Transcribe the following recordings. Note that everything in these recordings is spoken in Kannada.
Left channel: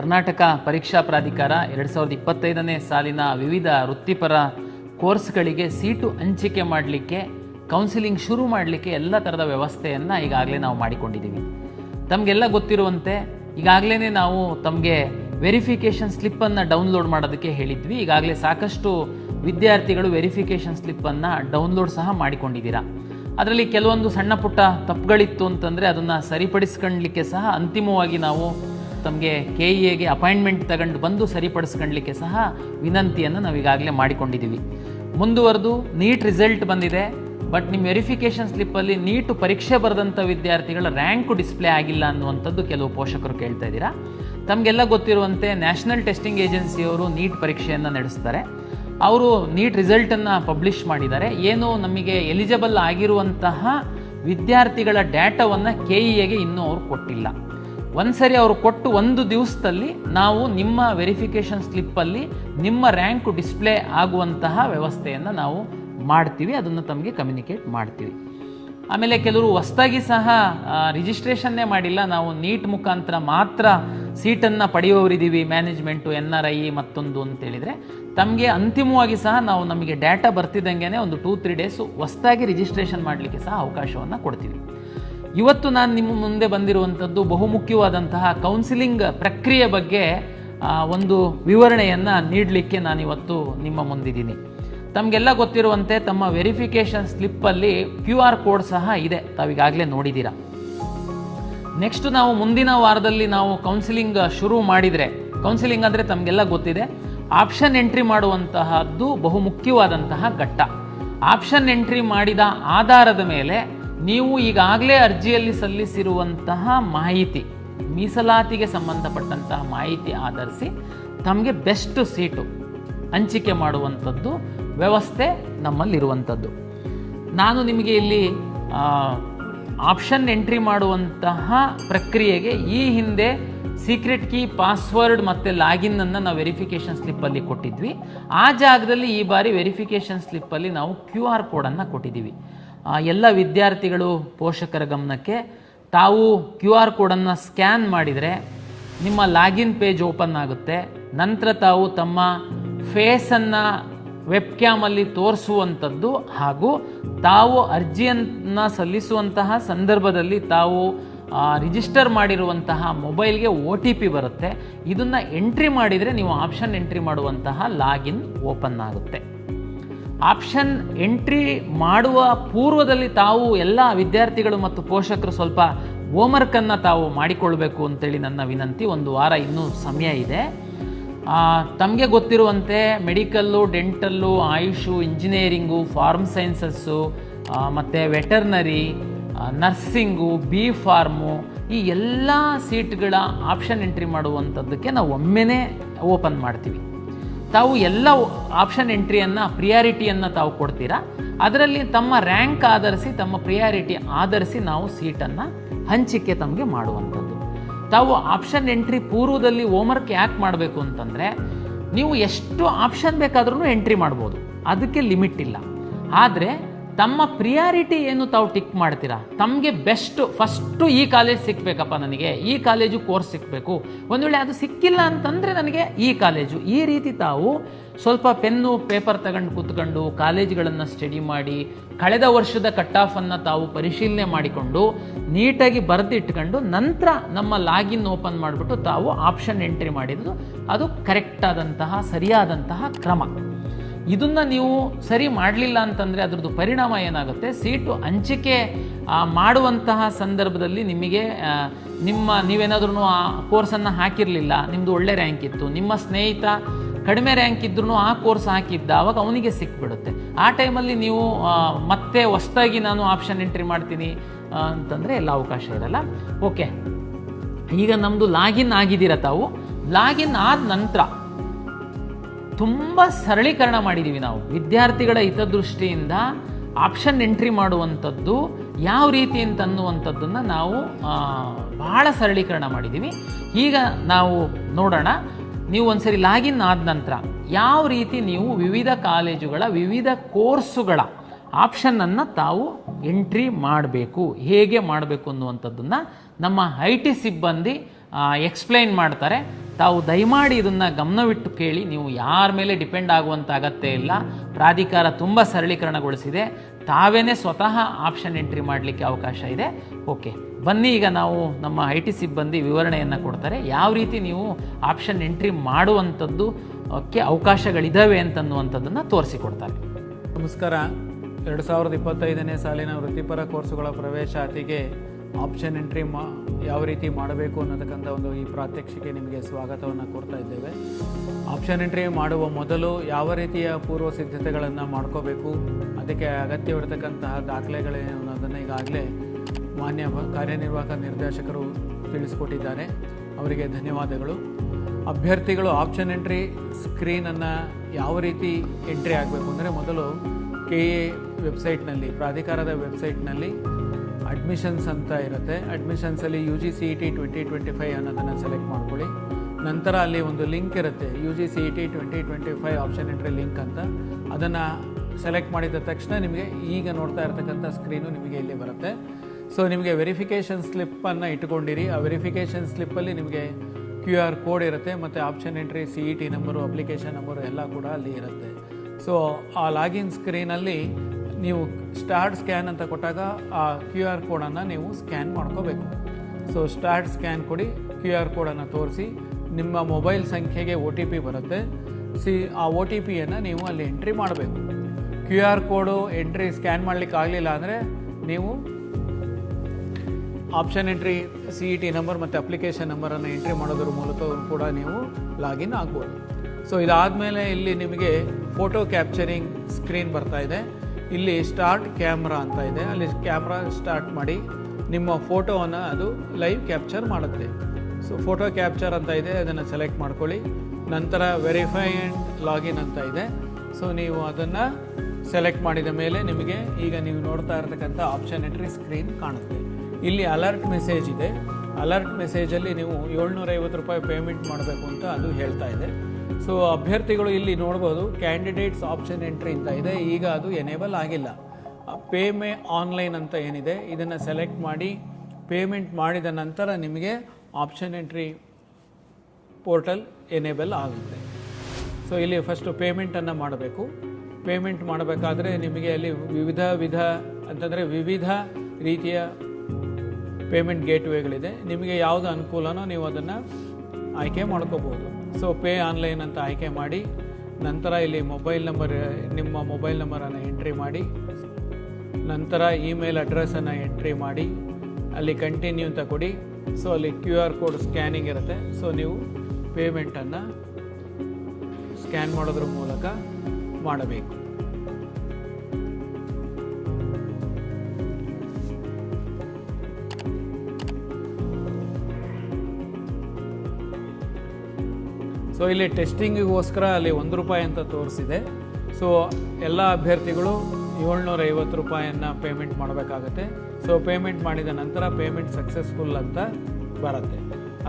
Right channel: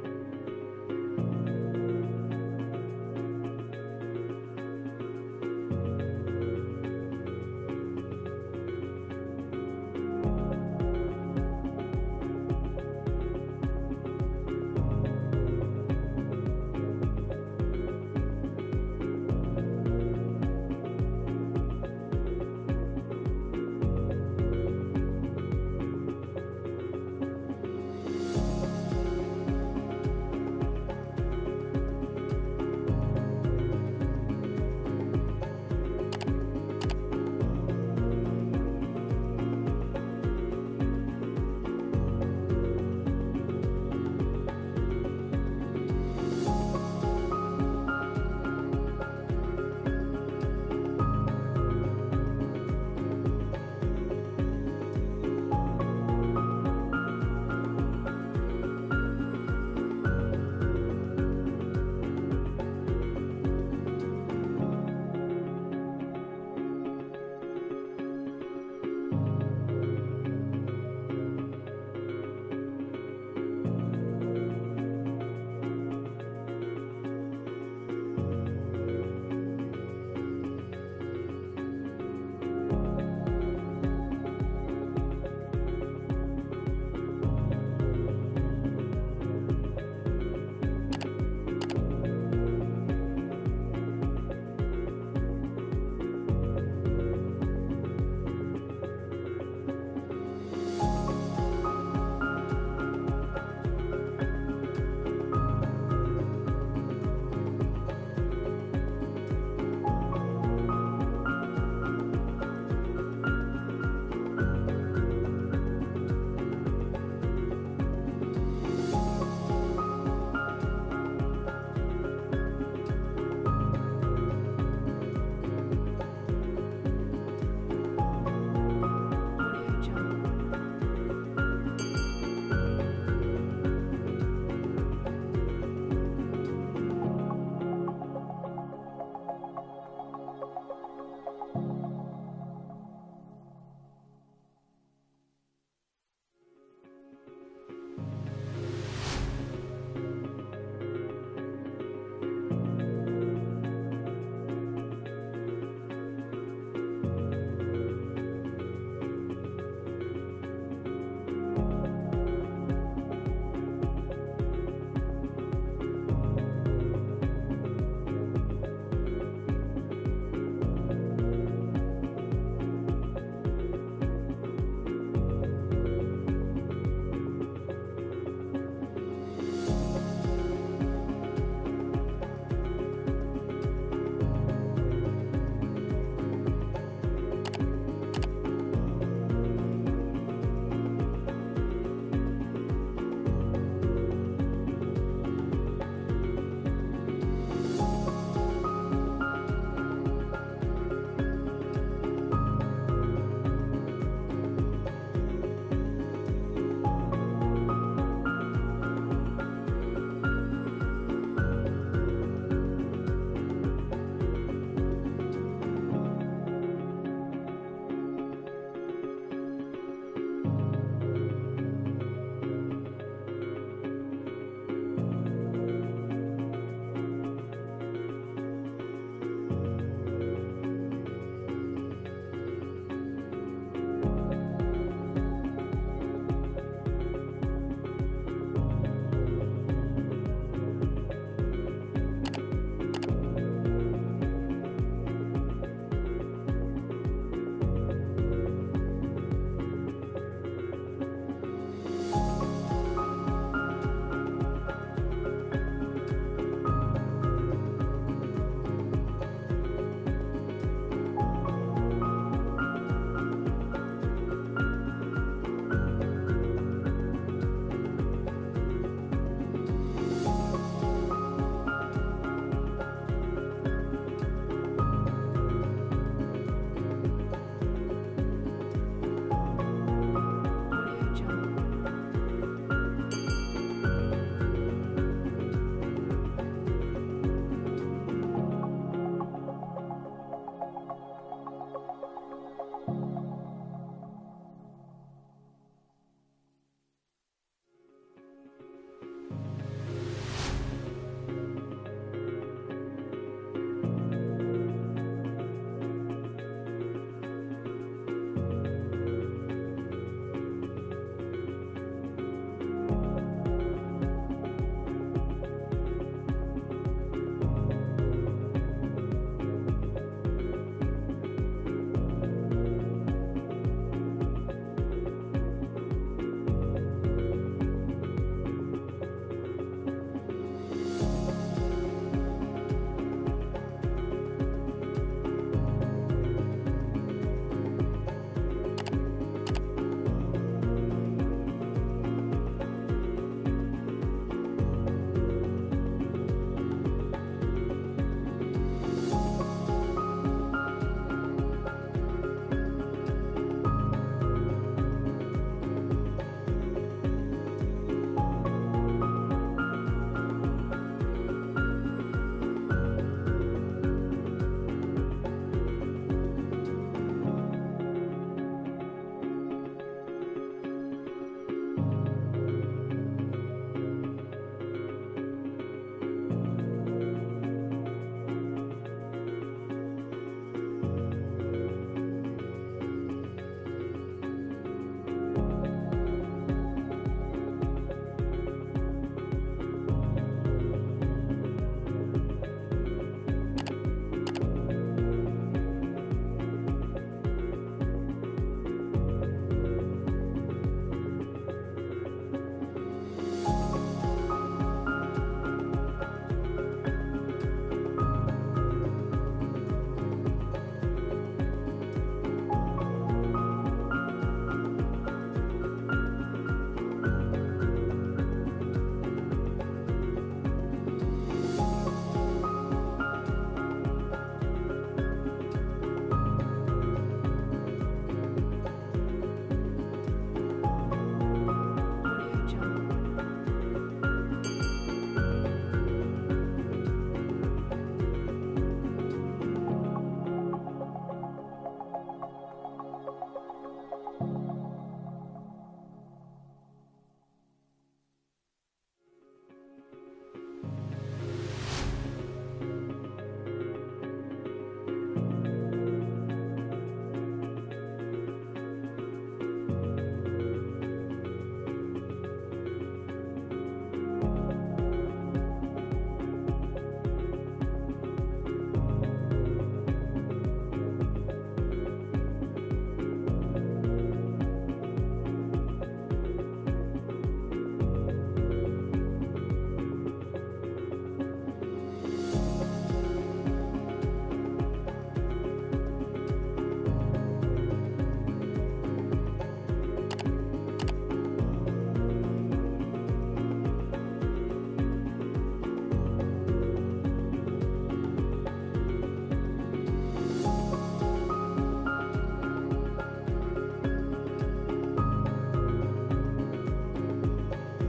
ಕರ್ನಾಟಕ ಪರೀಕ್ಷಾ ಪ್ರಾಧಿಕಾರ 2025ನೇ ಸಾಲಿನ ವಿವಿಧ ವೃತ್ತಿಪರ ಕೋರ್ಸ್ಗಳಿಗೆ ಸೀಟು ಹಂಚಿಕೆ ಮಾಡಲಿಕ್ಕೆ, ಕೌನ್ಸಿಲಿಂಗ್ ಶುರು ಮಾಡಲಿಕ್ಕೆ ಎಲ್ಲ ಥರದ ವ್ಯವಸ್ಥೆಯನ್ನು ಈಗಾಗಲೇ ನಾವು ಮಾಡಿಕೊಂಡಿದ್ದೀವಿ. ತಮಗೆಲ್ಲ ಗೊತ್ತಿರುವಂತೆ ಈಗಾಗಲೇ ನಾವು ತಮಗೆ ವೆರಿಫಿಕೇಷನ್ ಸ್ಲಿಪ್ಪನ್ನು ಡೌನ್ಲೋಡ್ ಮಾಡೋದಕ್ಕೆ ಹೇಳಿದ್ವಿ. ಈಗಾಗಲೇ ಸಾಕಷ್ಟು ವಿದ್ಯಾರ್ಥಿಗಳು ವೆರಿಫಿಕೇಷನ್ ಸ್ಲಿಪ್ಪನ್ನು ಡೌನ್ಲೋಡ್ ಸಹ ಮಾಡಿಕೊಂಡಿದ್ದೀರಾ. ಅದರಲ್ಲಿ ಕೆಲವೊಂದು ಸಣ್ಣ ಪುಟ್ಟ ತಪ್ಪುಗಳಿತ್ತು ಅಂತಂದರೆ ಅದನ್ನು ಸರಿಪಡಿಸ್ಕೊಳ್ಳಲಿಕ್ಕೆ ಸಹ ಅಂತಿಮವಾಗಿ ನಾವು ತಮಗೆ KEAಗೆ ಅಪಾಯಿಂಟ್ಮೆಂಟ್ ತಗೊಂಡು ಬಂದು ಸರಿಪಡಿಸ್ಕೊಳ್ಳಲಿಕ್ಕೆ ಸಹ ವಿನಂತಿಯನ್ನು ನಾವು ಈಗಾಗಲೇ ಮಾಡಿಕೊಂಡಿದ್ದೀವಿ. ಮುಂದುವರೆದು ನೀಟ್ ರಿಸಲ್ಟ್ ಬಂದಿದೆ. ಬಟ್ ನಿಮ್ಮ ವೆರಿಫಿಕೇಷನ್ ಸ್ಲಿಪ್ಪಲ್ಲಿ ನೀಟು ಪರೀಕ್ಷೆ ಬರೆದಂಥ ವಿದ್ಯಾರ್ಥಿಗಳ ರ್ಯಾಂಕು ಡಿಸ್ಪ್ಲೇ ಆಗಿಲ್ಲ ಅನ್ನುವಂಥದ್ದು ಕೆಲವು ಪೋಷಕರು ಕೇಳ್ತಾ ಇದ್ದೀರಾ. ತಮಗೆಲ್ಲ ಗೊತ್ತಿರುವಂತೆ ನ್ಯಾಷನಲ್ ಟೆಸ್ಟಿಂಗ್ ಏಜೆನ್ಸಿಯವರು ನೀಟ್ ಪರೀಕ್ಷೆಯನ್ನು ನಡೆಸ್ತಾರೆ. ಅವರು ನೀಟ್ ರಿಸಲ್ಟನ್ನು ಪಬ್ಲಿಷ್ ಮಾಡಿದ್ದಾರೆ. ಏನು ನಮಗೆ ಎಲಿಜಿಬಲ್ ಆಗಿರುವಂತಹ ವಿದ್ಯಾರ್ಥಿಗಳ ಡೇಟಾವನ್ನು KEAಗೆ ಇನ್ನೂ ಅವರು ಕೊಟ್ಟಿಲ್ಲ. ಒಂದ್ಸರಿ ಅವರು ಕೊಟ್ಟು ಒಂದು ದಿವಸದಲ್ಲಿ ನಾವು ನಿಮ್ಮ ವೆರಿಫಿಕೇಷನ್ ಸ್ಲಿಪ್ಪಲ್ಲಿ ನಿಮ್ಮ ರ್ಯಾಂಕು ಡಿಸ್ಪ್ಲೇ ಆಗುವಂತಹ ವ್ಯವಸ್ಥೆಯನ್ನು ನಾವು ಮಾಡ್ತೀವಿ. ಅದನ್ನು ತಮಗೆ ಕಮ್ಯುನಿಕೇಟ್ ಮಾಡ್ತೀವಿ. ಆಮೇಲೆ ಕೆಲವರು ಹೊಸದಾಗಿ ಸಹ ರಿಜಿಸ್ಟ್ರೇಷನ್ನೇ ಮಾಡಿಲ್ಲ, ನಾವು ನೀಟ್ ಮುಖಾಂತರ ಮಾತ್ರ ಸೀಟನ್ನು ಪಡೆಯುವವರಿದ್ದೀವಿ, ಮ್ಯಾನೇಜ್ಮೆಂಟು, NRI ಮತ್ತೊಂದು ಅಂತೇಳಿದರೆ ತಮಗೆ ಅಂತಿಮವಾಗಿ ಸಹ ನಾವು ನಮಗೆ ಡೇಟಾ ಬರ್ತಿದ್ದಂಗೆ ಒಂದು 2-3 ಡೇಸು ಹೊಸದಾಗಿ ರಿಜಿಸ್ಟ್ರೇಷನ್ ಮಾಡಲಿಕ್ಕೆ ಸಹ ಅವಕಾಶವನ್ನು ಕೊಡ್ತೀವಿ. ಇವತ್ತು ನಾನು ನಿಮ್ಮ ಮುಂದೆ ಬಂದಿರುವಂಥದ್ದು ಬಹುಮುಖ್ಯವಾದಂತಹ ಕೌನ್ಸಿಲಿಂಗ್ ಪ್ರಕ್ರಿಯೆ ಬಗ್ಗೆ ಒಂದು ವಿವರಣೆಯನ್ನು ನೀಡಲಿಕ್ಕೆ ನಾನಿವತ್ತು ನಿಮ್ಮ ಮುಂದಿದ್ದೀನಿ. ತಮಗೆಲ್ಲ ಗೊತ್ತಿರುವಂತೆ ತಮ್ಮ ವೆರಿಫಿಕೇಷನ್ ಸ್ಲಿಪ್ಪಲ್ಲಿ QR ಕೋಡ್ ಸಹ ಇದೆ, ತಾವೀಗಾಗಲೇ ನೋಡಿದ್ದೀರಾ. ನೆಕ್ಸ್ಟ್ ನಾವು ಮುಂದಿನ ವಾರದಲ್ಲಿ ನಾವು ಕೌನ್ಸಿಲಿಂಗ್ ಶುರು ಮಾಡಿದರೆ, ಕೌನ್ಸಿಲಿಂಗ್ ಅಂದರೆ ತಮಗೆಲ್ಲ ಗೊತ್ತಿದೆ, ಆಪ್ಷನ್ ಎಂಟ್ರಿ ಮಾಡುವಂತಹದ್ದು ಬಹುಮುಖ್ಯವಾದಂತಹ ಘಟ್ಟ. ಆಪ್ಷನ್ ಎಂಟ್ರಿ ಮಾಡಿದ ಆಧಾರದ ಮೇಲೆ ನೀವು ಈಗಾಗಲೇ ಅರ್ಜಿಯಲ್ಲಿ ಸಲ್ಲಿಸಿರುವಂತಹ ಮಾಹಿತಿ, ಮೀಸಲಾತಿಗೆ ಸಂಬಂಧಪಟ್ಟಂತಹ ಮಾಹಿತಿ ಆಧರಿಸಿ ತಮಗೆ ಬೆಸ್ಟ್ ಸೀಟು ಹಂಚಿಕೆ ಮಾಡುವಂಥದ್ದು ವ್ಯವಸ್ಥೆ ನಮ್ಮಲ್ಲಿರುವಂಥದ್ದು. ನಾನು ನಿಮಗೆ ಇಲ್ಲಿ ಆಪ್ಷನ್ ಎಂಟ್ರಿ ಮಾಡುವಂತಹ ಪ್ರಕ್ರಿಯೆಗೆ ಈ ಹಿಂದೆ ಸೀಕ್ರೆಟ್ ಕೀ, ಪಾಸ್ವರ್ಡ್ ಮತ್ತು ಲಾಗಿನ್ನನ್ನು ನಾವು ವೆರಿಫಿಕೇಷನ್ ಸ್ಲಿಪ್ಪಲ್ಲಿ ಕೊಟ್ಟಿದ್ವಿ. ಆ ಜಾಗದಲ್ಲಿ ಈ ಬಾರಿ ವೆರಿಫಿಕೇಷನ್ ಸ್ಲಿಪ್ಪಲ್ಲಿ ನಾವು QR ಕೋಡನ್ನು ಕೊಟ್ಟಿದ್ದೀವಿ. ಎಲ್ಲ ವಿದ್ಯಾರ್ಥಿಗಳು ಪೋಷಕರ ಗಮನಕ್ಕೆ, ತಾವು QR ಕೋಡನ್ನು ಸ್ಕ್ಯಾನ್ ಮಾಡಿದರೆ ನಿಮ್ಮ ಲಾಗಿನ್ ಪೇಜ್ ಓಪನ್ ಆಗುತ್ತೆ. ನಂತರ ತಾವು ತಮ್ಮ ಫೇಸನ್ನು ವೆಬ್ ಕ್ಯಾಮಲ್ಲಿ ತೋರಿಸುವಂಥದ್ದು ಹಾಗೂ ತಾವು ಅರ್ಜಿಯನ್ನು ಸಲ್ಲಿಸುವಂತಹ ಸಂದರ್ಭದಲ್ಲಿ ತಾವು ರಿಜಿಸ್ಟರ್ ಮಾಡಿರುವಂತಹ ಮೊಬೈಲ್ಗೆ OTP ಬರುತ್ತೆ. ಇದನ್ನು ಎಂಟ್ರಿ ಮಾಡಿದರೆ ನೀವು ಆಪ್ಷನ್ ಎಂಟ್ರಿ ಮಾಡುವಂತಹ ಲಾಗಿನ್ ಓಪನ್ ಆಗುತ್ತೆ. ಆಪ್ಷನ್ ಎಂಟ್ರಿ ಮಾಡುವ ಪೂರ್ವದಲ್ಲಿ ತಾವು ಎಲ್ಲ ವಿದ್ಯಾರ್ಥಿಗಳು ಮತ್ತು ಪೋಷಕರು ಸ್ವಲ್ಪ ಹೋಮ್ವರ್ಕನ್ನು ತಾವು ಮಾಡಿಕೊಳ್ಬೇಕು ಅಂತೇಳಿ ನನ್ನ ವಿನಂತಿ. ಒಂದು ವಾರ ಇನ್ನೂ ಸಮಯ ಇದೆ. ತಮಗೆ ಗೊತ್ತಿರುವಂತೆ medical, dental, AYUSH, engineering, farm sciences ಮತ್ತು ವೆಟರ್ನರಿ, ನರ್ಸಿಂಗು, B.Pharm ಈ ಎಲ್ಲ ಸೀಟ್ಗಳ ಆಪ್ಷನ್ ಎಂಟ್ರಿ ಮಾಡುವಂಥದ್ದಕ್ಕೆ ನಾವು ಒಮ್ಮೆನೇ ಓಪನ್ ಮಾಡ್ತೀವಿ. ತಾವು ಎಲ್ಲ ಆಪ್ಷನ್ ಎಂಟ್ರಿಯನ್ನು, ಪ್ರಿಯಾರಿಟಿಯನ್ನು ತಾವು ಕೊಡ್ತೀರಾ. ಅದರಲ್ಲಿ ತಮ್ಮ ರ್ಯಾಂಕ್ ಆಧರಿಸಿ, ತಮ್ಮ ಪ್ರಿಯಾರಿಟಿ ಆಧರಿಸಿ ನಾವು ಸೀಟನ್ನು ಹಂಚಿಕೆ ತಮಗೆ ಮಾಡುವಂಥದ್ದು. ತಾವು ಆಪ್ಷನ್ ಎಂಟ್ರಿ ಪೂರ್ವದಲ್ಲಿ ಹೋಮ್ವರ್ಕ್ ಯಾಕೆ ಮಾಡಬೇಕು ಅಂತಂದರೆ, ನೀವು ಎಷ್ಟು ಆಪ್ಷನ್ ಬೇಕಾದ್ರೂ ಎಂಟ್ರಿ ಮಾಡ್ಬೋದು, ಅದಕ್ಕೆ ಲಿಮಿಟ್ ಇಲ್ಲ. ಆದರೆ ತಮ್ಮ ಪ್ರಿಯಾರಿಟಿ ಏನು ತಾವು ಟಿಕ್ ಮಾಡ್ತೀರಾ, ತಮಗೆ ಫಸ್ಟು ಈ ಕಾಲೇಜ್ ಸಿಕ್ಕಬೇಕಪ್ಪ, ನನಗೆ ಈ ಕಾಲೇಜು ಕೋರ್ಸ್ ಸಿಕ್ಕಬೇಕು, ಒಂದು ವೇಳೆ ಅದು ಸಿಕ್ಕಿಲ್ಲ ಅಂತಂದರೆ ನನಗೆ ಈ ಕಾಲೇಜು, ಈ ರೀತಿ ತಾವು ಸ್ವಲ್ಪ ಪೆನ್ನು ಪೇಪರ್ ತಗೊಂಡು ಕೂತ್ಕೊಂಡು ಕಾಲೇಜುಗಳನ್ನು ಸ್ಟಡಿ ಮಾಡಿ ಕಳೆದ ವರ್ಷದ ಕಟ್ ಆಫನ್ನು ತಾವು ಪರಿಶೀಲನೆ ಮಾಡಿಕೊಂಡು ನೀಟಾಗಿ ಬರೆದಿಟ್ಕೊಂಡು ನಂತರ ನಮ್ಮ ಲಾಗಿನ್ ಓಪನ್ ಮಾಡಿಬಿಟ್ಟು ತಾವು ಆಪ್ಷನ್ ಎಂಟ್ರಿ ಮಾಡಿದ್ದು ಅದು ಕರೆಕ್ಟಾದಂತಹ ಸರಿಯಾದಂತಹ ಕ್ರಮ. ಇದನ್ನು ನೀವು ಸರಿ ಮಾಡಲಿಲ್ಲ ಅಂತಂದರೆ ಅದರದ್ದು ಪರಿಣಾಮ ಏನಾಗುತ್ತೆ, ಸೀಟು ಹಂಚಿಕೆ ಮಾಡುವಂತಹ ಸಂದರ್ಭದಲ್ಲಿ ನಿಮಗೆ ನೀವೇನಾದ್ರೂ ಆ ಕೋರ್ಸನ್ನು ಹಾಕಿರಲಿಲ್ಲ, ನಿಮ್ಮದು ಒಳ್ಳೆ ರ್ಯಾಂಕ್ ಇತ್ತು, ನಿಮ್ಮ ಸ್ನೇಹಿತ ಕಡಿಮೆ ರ್ಯಾಂಕ್ ಇದ್ರೂ ಆ ಕೋರ್ಸ್ ಹಾಕಿದ್ದ, ಅವಾಗ ಅವನಿಗೆ ಸಿಕ್ಬಿಡುತ್ತೆ. ಆ ಟೈಮಲ್ಲಿ ನೀವು ಮತ್ತೆ ಹೊಸದಾಗಿ ನಾನು ಆಪ್ಷನ್ ಎಂಟ್ರಿ ಮಾಡ್ತೀನಿ ಅಂತಂದರೆ ಎಲ್ಲ ಅವಕಾಶ ಇರಲ್ಲ. ಓಕೆ, ಈಗ ನಮ್ಮದು ಲಾಗಿನ್ ಆಗಿದ್ದೀರ. ತಾವು ಲಾಗಿನ್ ಆದ ನಂತರ ತುಂಬ ಸರಳೀಕರಣ ಮಾಡಿದ್ದೀವಿ ನಾವು. ವಿದ್ಯಾರ್ಥಿಗಳ ಹಿತದೃಷ್ಟಿಯಿಂದ ಆಪ್ಷನ್ ಎಂಟ್ರಿ ಮಾಡುವಂಥದ್ದು ಯಾವ ರೀತಿ ಅಂತ ಅನ್ನುವಂಥದ್ದನ್ನು ನಾವು ಬಹಳ ಸರಳೀಕರಣ ಮಾಡಿದ್ದೀವಿ. ಈಗ ನಾವು ನೋಡೋಣ. ನೀವು ಒಂದ್ಸರಿ ಲಾಗಿನ್ ಆದ ನಂತರ ಯಾವ ರೀತಿ ನೀವು ವಿವಿಧ ಕಾಲೇಜುಗಳ ವಿವಿಧ ಕೋರ್ಸುಗಳ ಆಪ್ಷನನ್ನು ತಾವು ಎಂಟ್ರಿ ಮಾಡಬೇಕು, ಹೇಗೆ ಮಾಡಬೇಕು ಅನ್ನುವಂಥದ್ದನ್ನು ನಮ್ಮ IT ಸಿಬ್ಬಂದಿ ಎಕ್ಸ್ಪ್ಲೈನ್ ಮಾಡ್ತಾರೆ. ತಾವು ದಯಮಾಡಿ ಇದನ್ನು ಗಮನವಿಟ್ಟು ಕೇಳಿ. ನೀವು ಯಾರ ಮೇಲೆ ಡಿಪೆಂಡ್ ಆಗುವಂಥ ಅಗತ್ಯ ಇಲ್ಲ. ಪ್ರಾಧಿಕಾರ ತುಂಬ ಸರಳೀಕರಣಗೊಳಿಸಿದೆ. ತಾವೇ ಸ್ವತಃ ಆಪ್ಷನ್ ಎಂಟ್ರಿ ಮಾಡಲಿಕ್ಕೆ ಅವಕಾಶ ಇದೆ. ಓಕೆ, ಬನ್ನಿ ಈಗ ನಾವು ನಮ್ಮ IT ಸಿಬ್ಬಂದಿ ವಿವರಣೆಯನ್ನು ಕೊಡ್ತಾರೆ. ಯಾವ ರೀತಿ ನೀವು ಆಪ್ಷನ್ ಎಂಟ್ರಿ ಮಾಡುವಂಥದ್ದು ಅವಕಾಶಗಳಿದ್ದಾವೆ ಅಂತನ್ನುವಂಥದ್ದನ್ನು ತೋರಿಸಿಕೊಡ್ತಾರೆ. ನಮಸ್ಕಾರ. 2025ನೇ ಸಾಲಿನ ವೃತ್ತಿಪರ ಕೋರ್ಸುಗಳ ಪ್ರವೇಶಾತಿಗೆ ಆಪ್ಷನ್ ಎಂಟ್ರಿ ಯಾವ ರೀತಿ ಮಾಡಬೇಕು ಅನ್ನೋದಕ್ಕಂಥ ಒಂದು ಈ ಪ್ರಾತ್ಯಕ್ಷಿಕೆ ನಿಮಗೆ ಸ್ವಾಗತವನ್ನು ಕೊಡ್ತಾ ಇದ್ದೇವೆ. ಆಪ್ಷನ್ ಎಂಟ್ರಿ ಮಾಡುವ ಮೊದಲು ಯಾವ ರೀತಿಯ ಪೂರ್ವ ಸಿದ್ಧತೆಗಳನ್ನು ಮಾಡ್ಕೋಬೇಕು, ಅದಕ್ಕೆ ಅಗತ್ಯವಿರತಕ್ಕಂತಹ ದಾಖಲೆಗಳೇನು ಅನ್ನೋದನ್ನು ಈಗಾಗಲೇ ಮಾನ್ಯ ಕಾರ್ಯನಿರ್ವಾಹಕ ನಿರ್ದೇಶಕರು ತಿಳಿಸ್ಕೊಟ್ಟಿದ್ದಾರೆ. ಅವರಿಗೆ ಧನ್ಯವಾದಗಳು. ಅಭ್ಯರ್ಥಿಗಳು ಆಪ್ಷನ್ ಎಂಟ್ರಿ ಸ್ಕ್ರೀನನ್ನು ಯಾವ ರೀತಿ ಎಂಟ್ರಿ ಆಗಬೇಕು ಅಂದರೆ, ಮೊದಲು KA ವೆಬ್ಸೈಟ್ನಲ್ಲಿ, ಪ್ರಾಧಿಕಾರದ ವೆಬ್ಸೈಟ್ನಲ್ಲಿ ಅಡ್ಮಿಷನ್ಸ್ ಅಂತ ಇರುತ್ತೆ. ಅಡ್ಮಿಷನ್ಸಲ್ಲಿ UGCET 2025 ಅನ್ನೋದನ್ನು ಸೆಲೆಕ್ಟ್ ಮಾಡ್ಕೊಳ್ಳಿ. ನಂತರ ಅಲ್ಲಿ ಒಂದು ಲಿಂಕ್ ಇರುತ್ತೆ, UGCET 2025 ಆಪ್ಷನ್ ಎಂಟ್ರಿ ಲಿಂಕ್ ಅಂತ. ಅದನ್ನು ಸೆಲೆಕ್ಟ್ ಮಾಡಿದ ತಕ್ಷಣ ನಿಮಗೆ ಈಗ ನೋಡ್ತಾ ಇರತಕ್ಕಂಥ ಸ್ಕ್ರೀನು ನಿಮಗೆ ಇಲ್ಲಿ ಬರುತ್ತೆ. ಸೊ ನಿಮಗೆ ವೆರಿಫಿಕೇಷನ್ ಸ್ಲಿಪ್ಪನ್ನು ಇಟ್ಕೊಂಡಿರಿ. ಆ ವೆರಿಫಿಕೇಷನ್ ಸ್ಲಿಪ್ಪಲ್ಲಿ ನಿಮಗೆ QR ಕೋಡ್ ಇರುತ್ತೆ ಮತ್ತು option entry CET number, application number ಎಲ್ಲ ಕೂಡ ಅಲ್ಲಿ ಇರುತ್ತೆ. ಸೊ ಆ ಲಾಗಿನ್ ಸ್ಕ್ರೀನಲ್ಲಿ ನೀವು ಸ್ಟಾರ್ಟ್ ಸ್ಕ್ಯಾನ್ ಅಂತ ಕೊಟ್ಟಾಗ ಆ QR ಕೋಡನ್ನು ನೀವು ಸ್ಕ್ಯಾನ್ ಮಾಡ್ಕೋಬೇಕು. ಸೊ ಸ್ಟಾರ್ಟ್ ಸ್ಕ್ಯಾನ್ ಕೊಡಿ, QR ಕೋಡನ್ನು ತೋರಿಸಿ, ನಿಮ್ಮ ಮೊಬೈಲ್ ಸಂಖ್ಯೆಗೆ OTP ಬರುತ್ತೆ. ಆ OTPಯನ್ನು ನೀವು ಅಲ್ಲಿ ಎಂಟ್ರಿ ಮಾಡಬೇಕು. QR ಕೋಡು ಎಂಟ್ರಿ ಸ್ಕ್ಯಾನ್ ಮಾಡಲಿಕ್ಕೆ ಆಗಲಿಲ್ಲ ಅಂದರೆ ನೀವು ಆಪ್ಷನ್ ಎಂಟ್ರಿ CET ನಂಬರ್ ಮತ್ತು ಅಪ್ಲಿಕೇಶನ್ ನಂಬರನ್ನು ಎಂಟ್ರಿ ಮಾಡೋದ್ರ ಮೂಲಕ ಕೂಡ ನೀವು ಲಾಗಿನ್ ಆಗ್ಬೋದು. ಸೊ ಇದಾದಮೇಲೆ ಇಲ್ಲಿ ನಿಮಗೆ ಫೋಟೋ ಕ್ಯಾಪ್ಚರಿಂಗ್ ಸ್ಕ್ರೀನ್ ಬರ್ತಾ ಇದೆ. ಇಲ್ಲಿ ಸ್ಟಾರ್ಟ್ ಕ್ಯಾಮ್ರಾ ಅಂತ ಇದೆ, ಅಲ್ಲಿ ಕ್ಯಾಮ್ರಾ ಸ್ಟಾರ್ಟ್ ಮಾಡಿ ನಿಮ್ಮ ಫೋಟೋವನ್ನು ಅದು ಲೈವ್ ಕ್ಯಾಪ್ಚರ್ ಮಾಡುತ್ತೆ. ಸೊ ಫೋಟೋ ಕ್ಯಾಪ್ಚರ್ ಅಂತ ಇದೆ, ಅದನ್ನು ಸೆಲೆಕ್ಟ್ ಮಾಡ್ಕೊಳ್ಳಿ. ನಂತರ ವೆರಿಫೈ ಆ್ಯಂಡ್ ಲಾಗಿನ್ ಅಂತ ಇದೆ. ಸೊ ನೀವು ಅದನ್ನು ಸೆಲೆಕ್ಟ್ ಮಾಡಿದ ಮೇಲೆ ನಿಮಗೆ ಈಗ ನೀವು ನೋಡ್ತಾ ಇರತಕ್ಕಂಥ ಆಪ್ಷನ್ ಎಂಟ್ರಿ ಸ್ಕ್ರೀನ್ ಕಾಣುತ್ತೆ. ಇಲ್ಲಿ ಅಲರ್ಟ್ ಮೆಸೇಜ್ ಇದೆ. ಅಲರ್ಟ್ ಮೆಸೇಜಲ್ಲಿ ನೀವು 750 ರೂಪಾಯಿ ಪೇಮೆಂಟ್ ಮಾಡಬೇಕು ಅಂತ ಅದು ಹೇಳ್ತಾ ಇದೆ. ಸೊ ಅಭ್ಯರ್ಥಿಗಳು ಇಲ್ಲಿ ನೋಡ್ಬೋದು, ಕ್ಯಾಂಡಿಡೇಟ್ಸ್ ಆಪ್ಷನ್ ಎಂಟ್ರಿ ಅಂತ ಇದೆ. ಈಗ ಅದು ಎನೇಬಲ್ ಆಗಿಲ್ಲ. ಪೇಮೆ ಆನ್ಲೈನ್ ಅಂತ ಏನಿದೆ ಇದನ್ನು ಸೆಲೆಕ್ಟ್ ಮಾಡಿ ಪೇಮೆಂಟ್ ಮಾಡಿದ ನಂತರ ನಿಮಗೆ ಆಪ್ಷನ್ ಎಂಟ್ರಿ ಪೋರ್ಟಲ್ ಎನೇಬಲ್ ಆಗುತ್ತೆ. ಸೊ ಇಲ್ಲಿ ಫಸ್ಟು ಪೇಮೆಂಟನ್ನು ಮಾಡಬೇಕು. ಪೇಮೆಂಟ್ ಮಾಡಬೇಕಾದ್ರೆ ನಿಮಗೆ ಅಲ್ಲಿ ವಿವಿಧ ರೀತಿಯ ಪೇಮೆಂಟ್ ಗೇಟ್ವೇಗಳಿದೆ. ನಿಮಗೆ ಯಾವುದು ಅನುಕೂಲನೋ ನೀವು ಅದನ್ನು ಆಯ್ಕೆ ಮಾಡ್ಕೋಬೋದು. ಸೊ ಪೇ ಆನ್ಲೈನ್ ಅಂತ ಆಯ್ಕೆ ಮಾಡಿ ನಂತರ ಇಲ್ಲಿ ನಿಮ್ಮ ಮೊಬೈಲ್ ನಂಬರನ್ನು ಎಂಟ್ರಿ ಮಾಡಿ, ನಂತರ ಇಮೇಲ್ ಅಡ್ರೆಸ್ಸನ್ನು ಎಂಟ್ರಿ ಮಾಡಿ ಅಲ್ಲಿ ಕಂಟಿನ್ಯೂ ಅಂತ ಕೊಡಿ. ಸೊ ಅಲ್ಲಿ QR ಕೋಡ್ ಸ್ಕ್ಯಾನಿಂಗ್ ಇರುತ್ತೆ. ಸೊ ನೀವು ಪೇಮೆಂಟನ್ನು ಸ್ಕ್ಯಾನ್ ಮಾಡೋದ್ರ ಮೂಲಕ ಮಾಡಬೇಕು. ಸೊ ಇಲ್ಲಿ ಟೆಸ್ಟಿಂಗಿಗೋಸ್ಕರ ಅಲ್ಲಿ 1 ರೂಪಾಯಿ ಅಂತ ತೋರಿಸಿದೆ. ಸೊ ಎಲ್ಲ ಅಭ್ಯರ್ಥಿಗಳು 750 ರೂಪಾಯಿಯನ್ನು ಪೇಮೆಂಟ್ ಮಾಡಬೇಕಾಗುತ್ತೆ. ಸೊ ಪೇಮೆಂಟ್ ಮಾಡಿದ ನಂತರ ಪೇಮೆಂಟ್ ಸಕ್ಸಸ್ಫುಲ್ ಅಂತ ಬರುತ್ತೆ.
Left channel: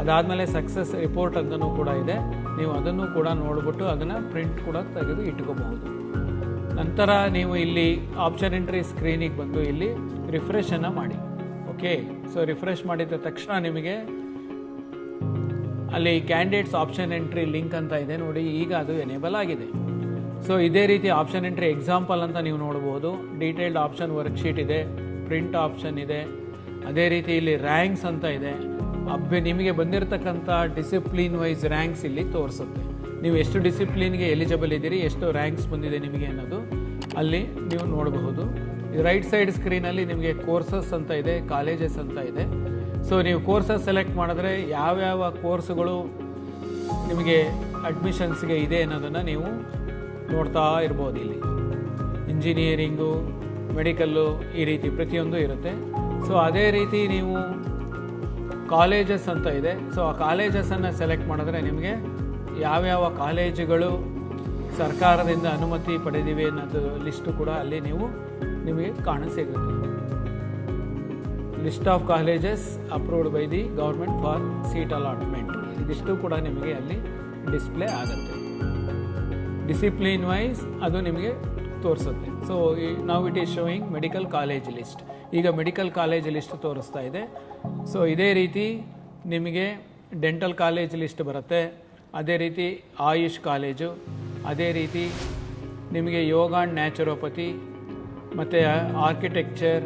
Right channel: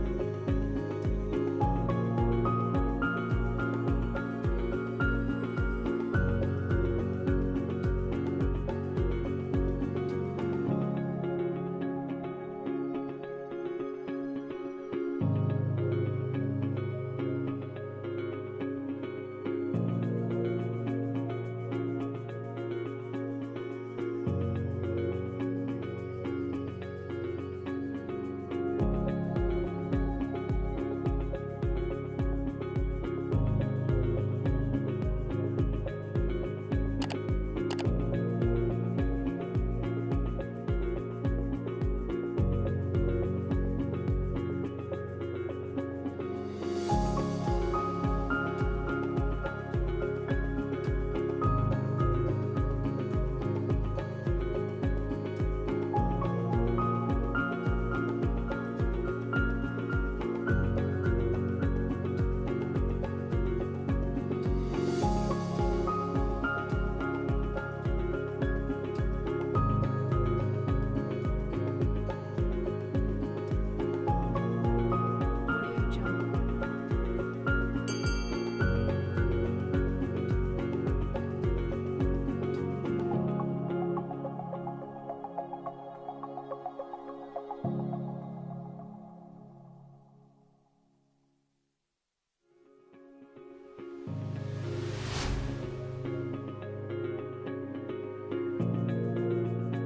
ಅದಾದಮೇಲೆ ಸಕ್ಸಸ್ ರಿಪೋರ್ಟ್ ಅಂತಲೂ ಕೂಡ ಇದೆ. ನೀವು ಅದನ್ನು ಕೂಡ ನೋಡಿಬಿಟ್ಟು ಅದನ್ನು ಪ್ರಿಂಟ್ ಕೂಡ ತೆಗೆದು ಇಟ್ಕೋಬಹುದು. ನಂತರ ನೀವು ಇಲ್ಲಿ ಆಪ್ಷನ್ ಎಂಟ್ರಿ ಸ್ಕ್ರೀನಿಗೆ ಬಂದು ಇಲ್ಲಿ ರಿಫ್ರೆಶನ್ನು ಮಾಡಿ. ಓಕೆ, ಸೊ ರಿಫ್ರೆಶ್ ಮಾಡಿದ ತಕ್ಷಣ ನಿಮಗೆ ಅಲ್ಲಿ ಕ್ಯಾಂಡಿಡೇಟ್ಸ್ ಆಪ್ಷನ್ ಎಂಟ್ರಿ ಲಿಂಕ್ ಅಂತ ಇದೆ ನೋಡಿ, ಈಗ ಅದು ಎನೇಬಲ್ ಆಗಿದೆ. ಸೊ ಇದೇ ರೀತಿ ಆಪ್ಷನ್ ಎಂಟ್ರಿ ಎಕ್ಸಾಂಪಲ್ ಅಂತ ನೀವು ನೋಡ್ಬೋದು. ಡೀಟೇಲ್ಡ್ ಆಪ್ಷನ್ ವರ್ಕ್ಶೀಟ್ ಇದೆ, ಪ್ರಿಂಟ್ ಆಪ್ಷನ್ ಇದೆ, ಅದೇ ರೀತಿ ಇಲ್ಲಿ ರ್ಯಾಂಕ್ಸ್ ಅಂತ ಇದೆ. ನಿಮಗೆ ಬಂದಿರತಕ್ಕಂಥ ಡಿಸಿಪ್ಲಿನ್ ವೈಸ್ ರ್ಯಾಂಕ್ಸ್ ಇಲ್ಲಿ ತೋರಿಸುತ್ತೆ. ನೀವು ಎಷ್ಟು ಡಿಸಿಪ್ಲಿನ್ಗೆ ಎಲಿಜಿಬಲ್ ಇದ್ದೀರಿ, ಎಷ್ಟು ರ್ಯಾಂಕ್ಸ್ ಬಂದಿದೆ ನಿಮಗೆ ಅನ್ನೋದು ಅಲ್ಲಿ ನೀವು ನೋಡಬಹುದು. ರೈಟ್ ಸೈಡ್ ಸ್ಕ್ರೀನಲ್ಲಿ ನಿಮಗೆ ಕೋರ್ಸಸ್ ಅಂತ ಇದೆ, ಕಾಲೇಜಸ್ ಅಂತ ಇದೆ. ಸೊ ನೀವು ಕೋರ್ಸಸ್ ಸೆಲೆಕ್ಟ್ ಮಾಡಿದ್ರೆ ಯಾವ್ಯಾವ ಕೋರ್ಸುಗಳು ನಿಮಗೆ ಅಡ್ಮಿಷನ್ಸ್ಗೆ ಇದೆ ಅನ್ನೋದನ್ನು ನೀವು ನೋಡ್ತಾ ಇರ್ಬೋದು. ಇಲ್ಲಿ ಇಂಜಿನಿಯರಿಂಗು, ಮೆಡಿಕಲ್ಲು, ಈ ರೀತಿ ಪ್ರತಿಯೊಂದು ಇರುತ್ತೆ. ಸೊ ಅದೇ ರೀತಿ ನೀವು ಕಾಲೇಜಸ್ ಅಂತ ಇದೆ. ಸೊ ಆ ಕಾಲೇಜಸನ್ನು ಸೆಲೆಕ್ಟ್ ಮಾಡಿದ್ರೆ ನಿಮಗೆ ಯಾವ್ಯಾವ ಕಾಲೇಜುಗಳು ಸರ್ಕಾರದಿಂದ ಅನುಮತಿ ಪಡೆದಿವೆ ಅನ್ನೋದು ಲಿಸ್ಟು ಕೂಡ ಅಲ್ಲಿ ನಿಮಗೆ ಕಾಣಸಿಗುತ್ತೆ. List of colleges approved by the government for seat allotment, ಇದಿಷ್ಟು ಕೂಡ ನಿಮಗೆ ಅಲ್ಲಿ ಡಿಸ್ಪ್ಲೇ ಆಗುತ್ತೆ. ಡಿಸಿಪ್ಲಿನ್ ವೈಸ್ ಅದು ನಿಮಗೆ ತೋರಿಸುತ್ತೆ. ಸೊ ನಾವು it is showing medical college list. ಈಗ ಮೆಡಿಕಲ್ ಕಾಲೇಜ್ ಲಿಸ್ಟ್ ತೋರಿಸ್ತಾ ಇದೆ. ಸೊ ಇದೇ ರೀತಿ ನಿಮಗೆ ಡೆಂಟಲ್ ಕಾಲೇಜ್ ಲಿಸ್ಟ್ ಬರುತ್ತೆ, ಅದೇ ರೀತಿ ಆಯುಷ್ ಕಾಲೇಜು, ಅದೇ ರೀತಿ ನಿಮಗೆ ಯೋಗ ಆ್ಯಂಡ್ ನ್ಯಾಚುರೋಪತಿ ಮತ್ತು ಆರ್ಕಿಟೆಕ್ಚರ್,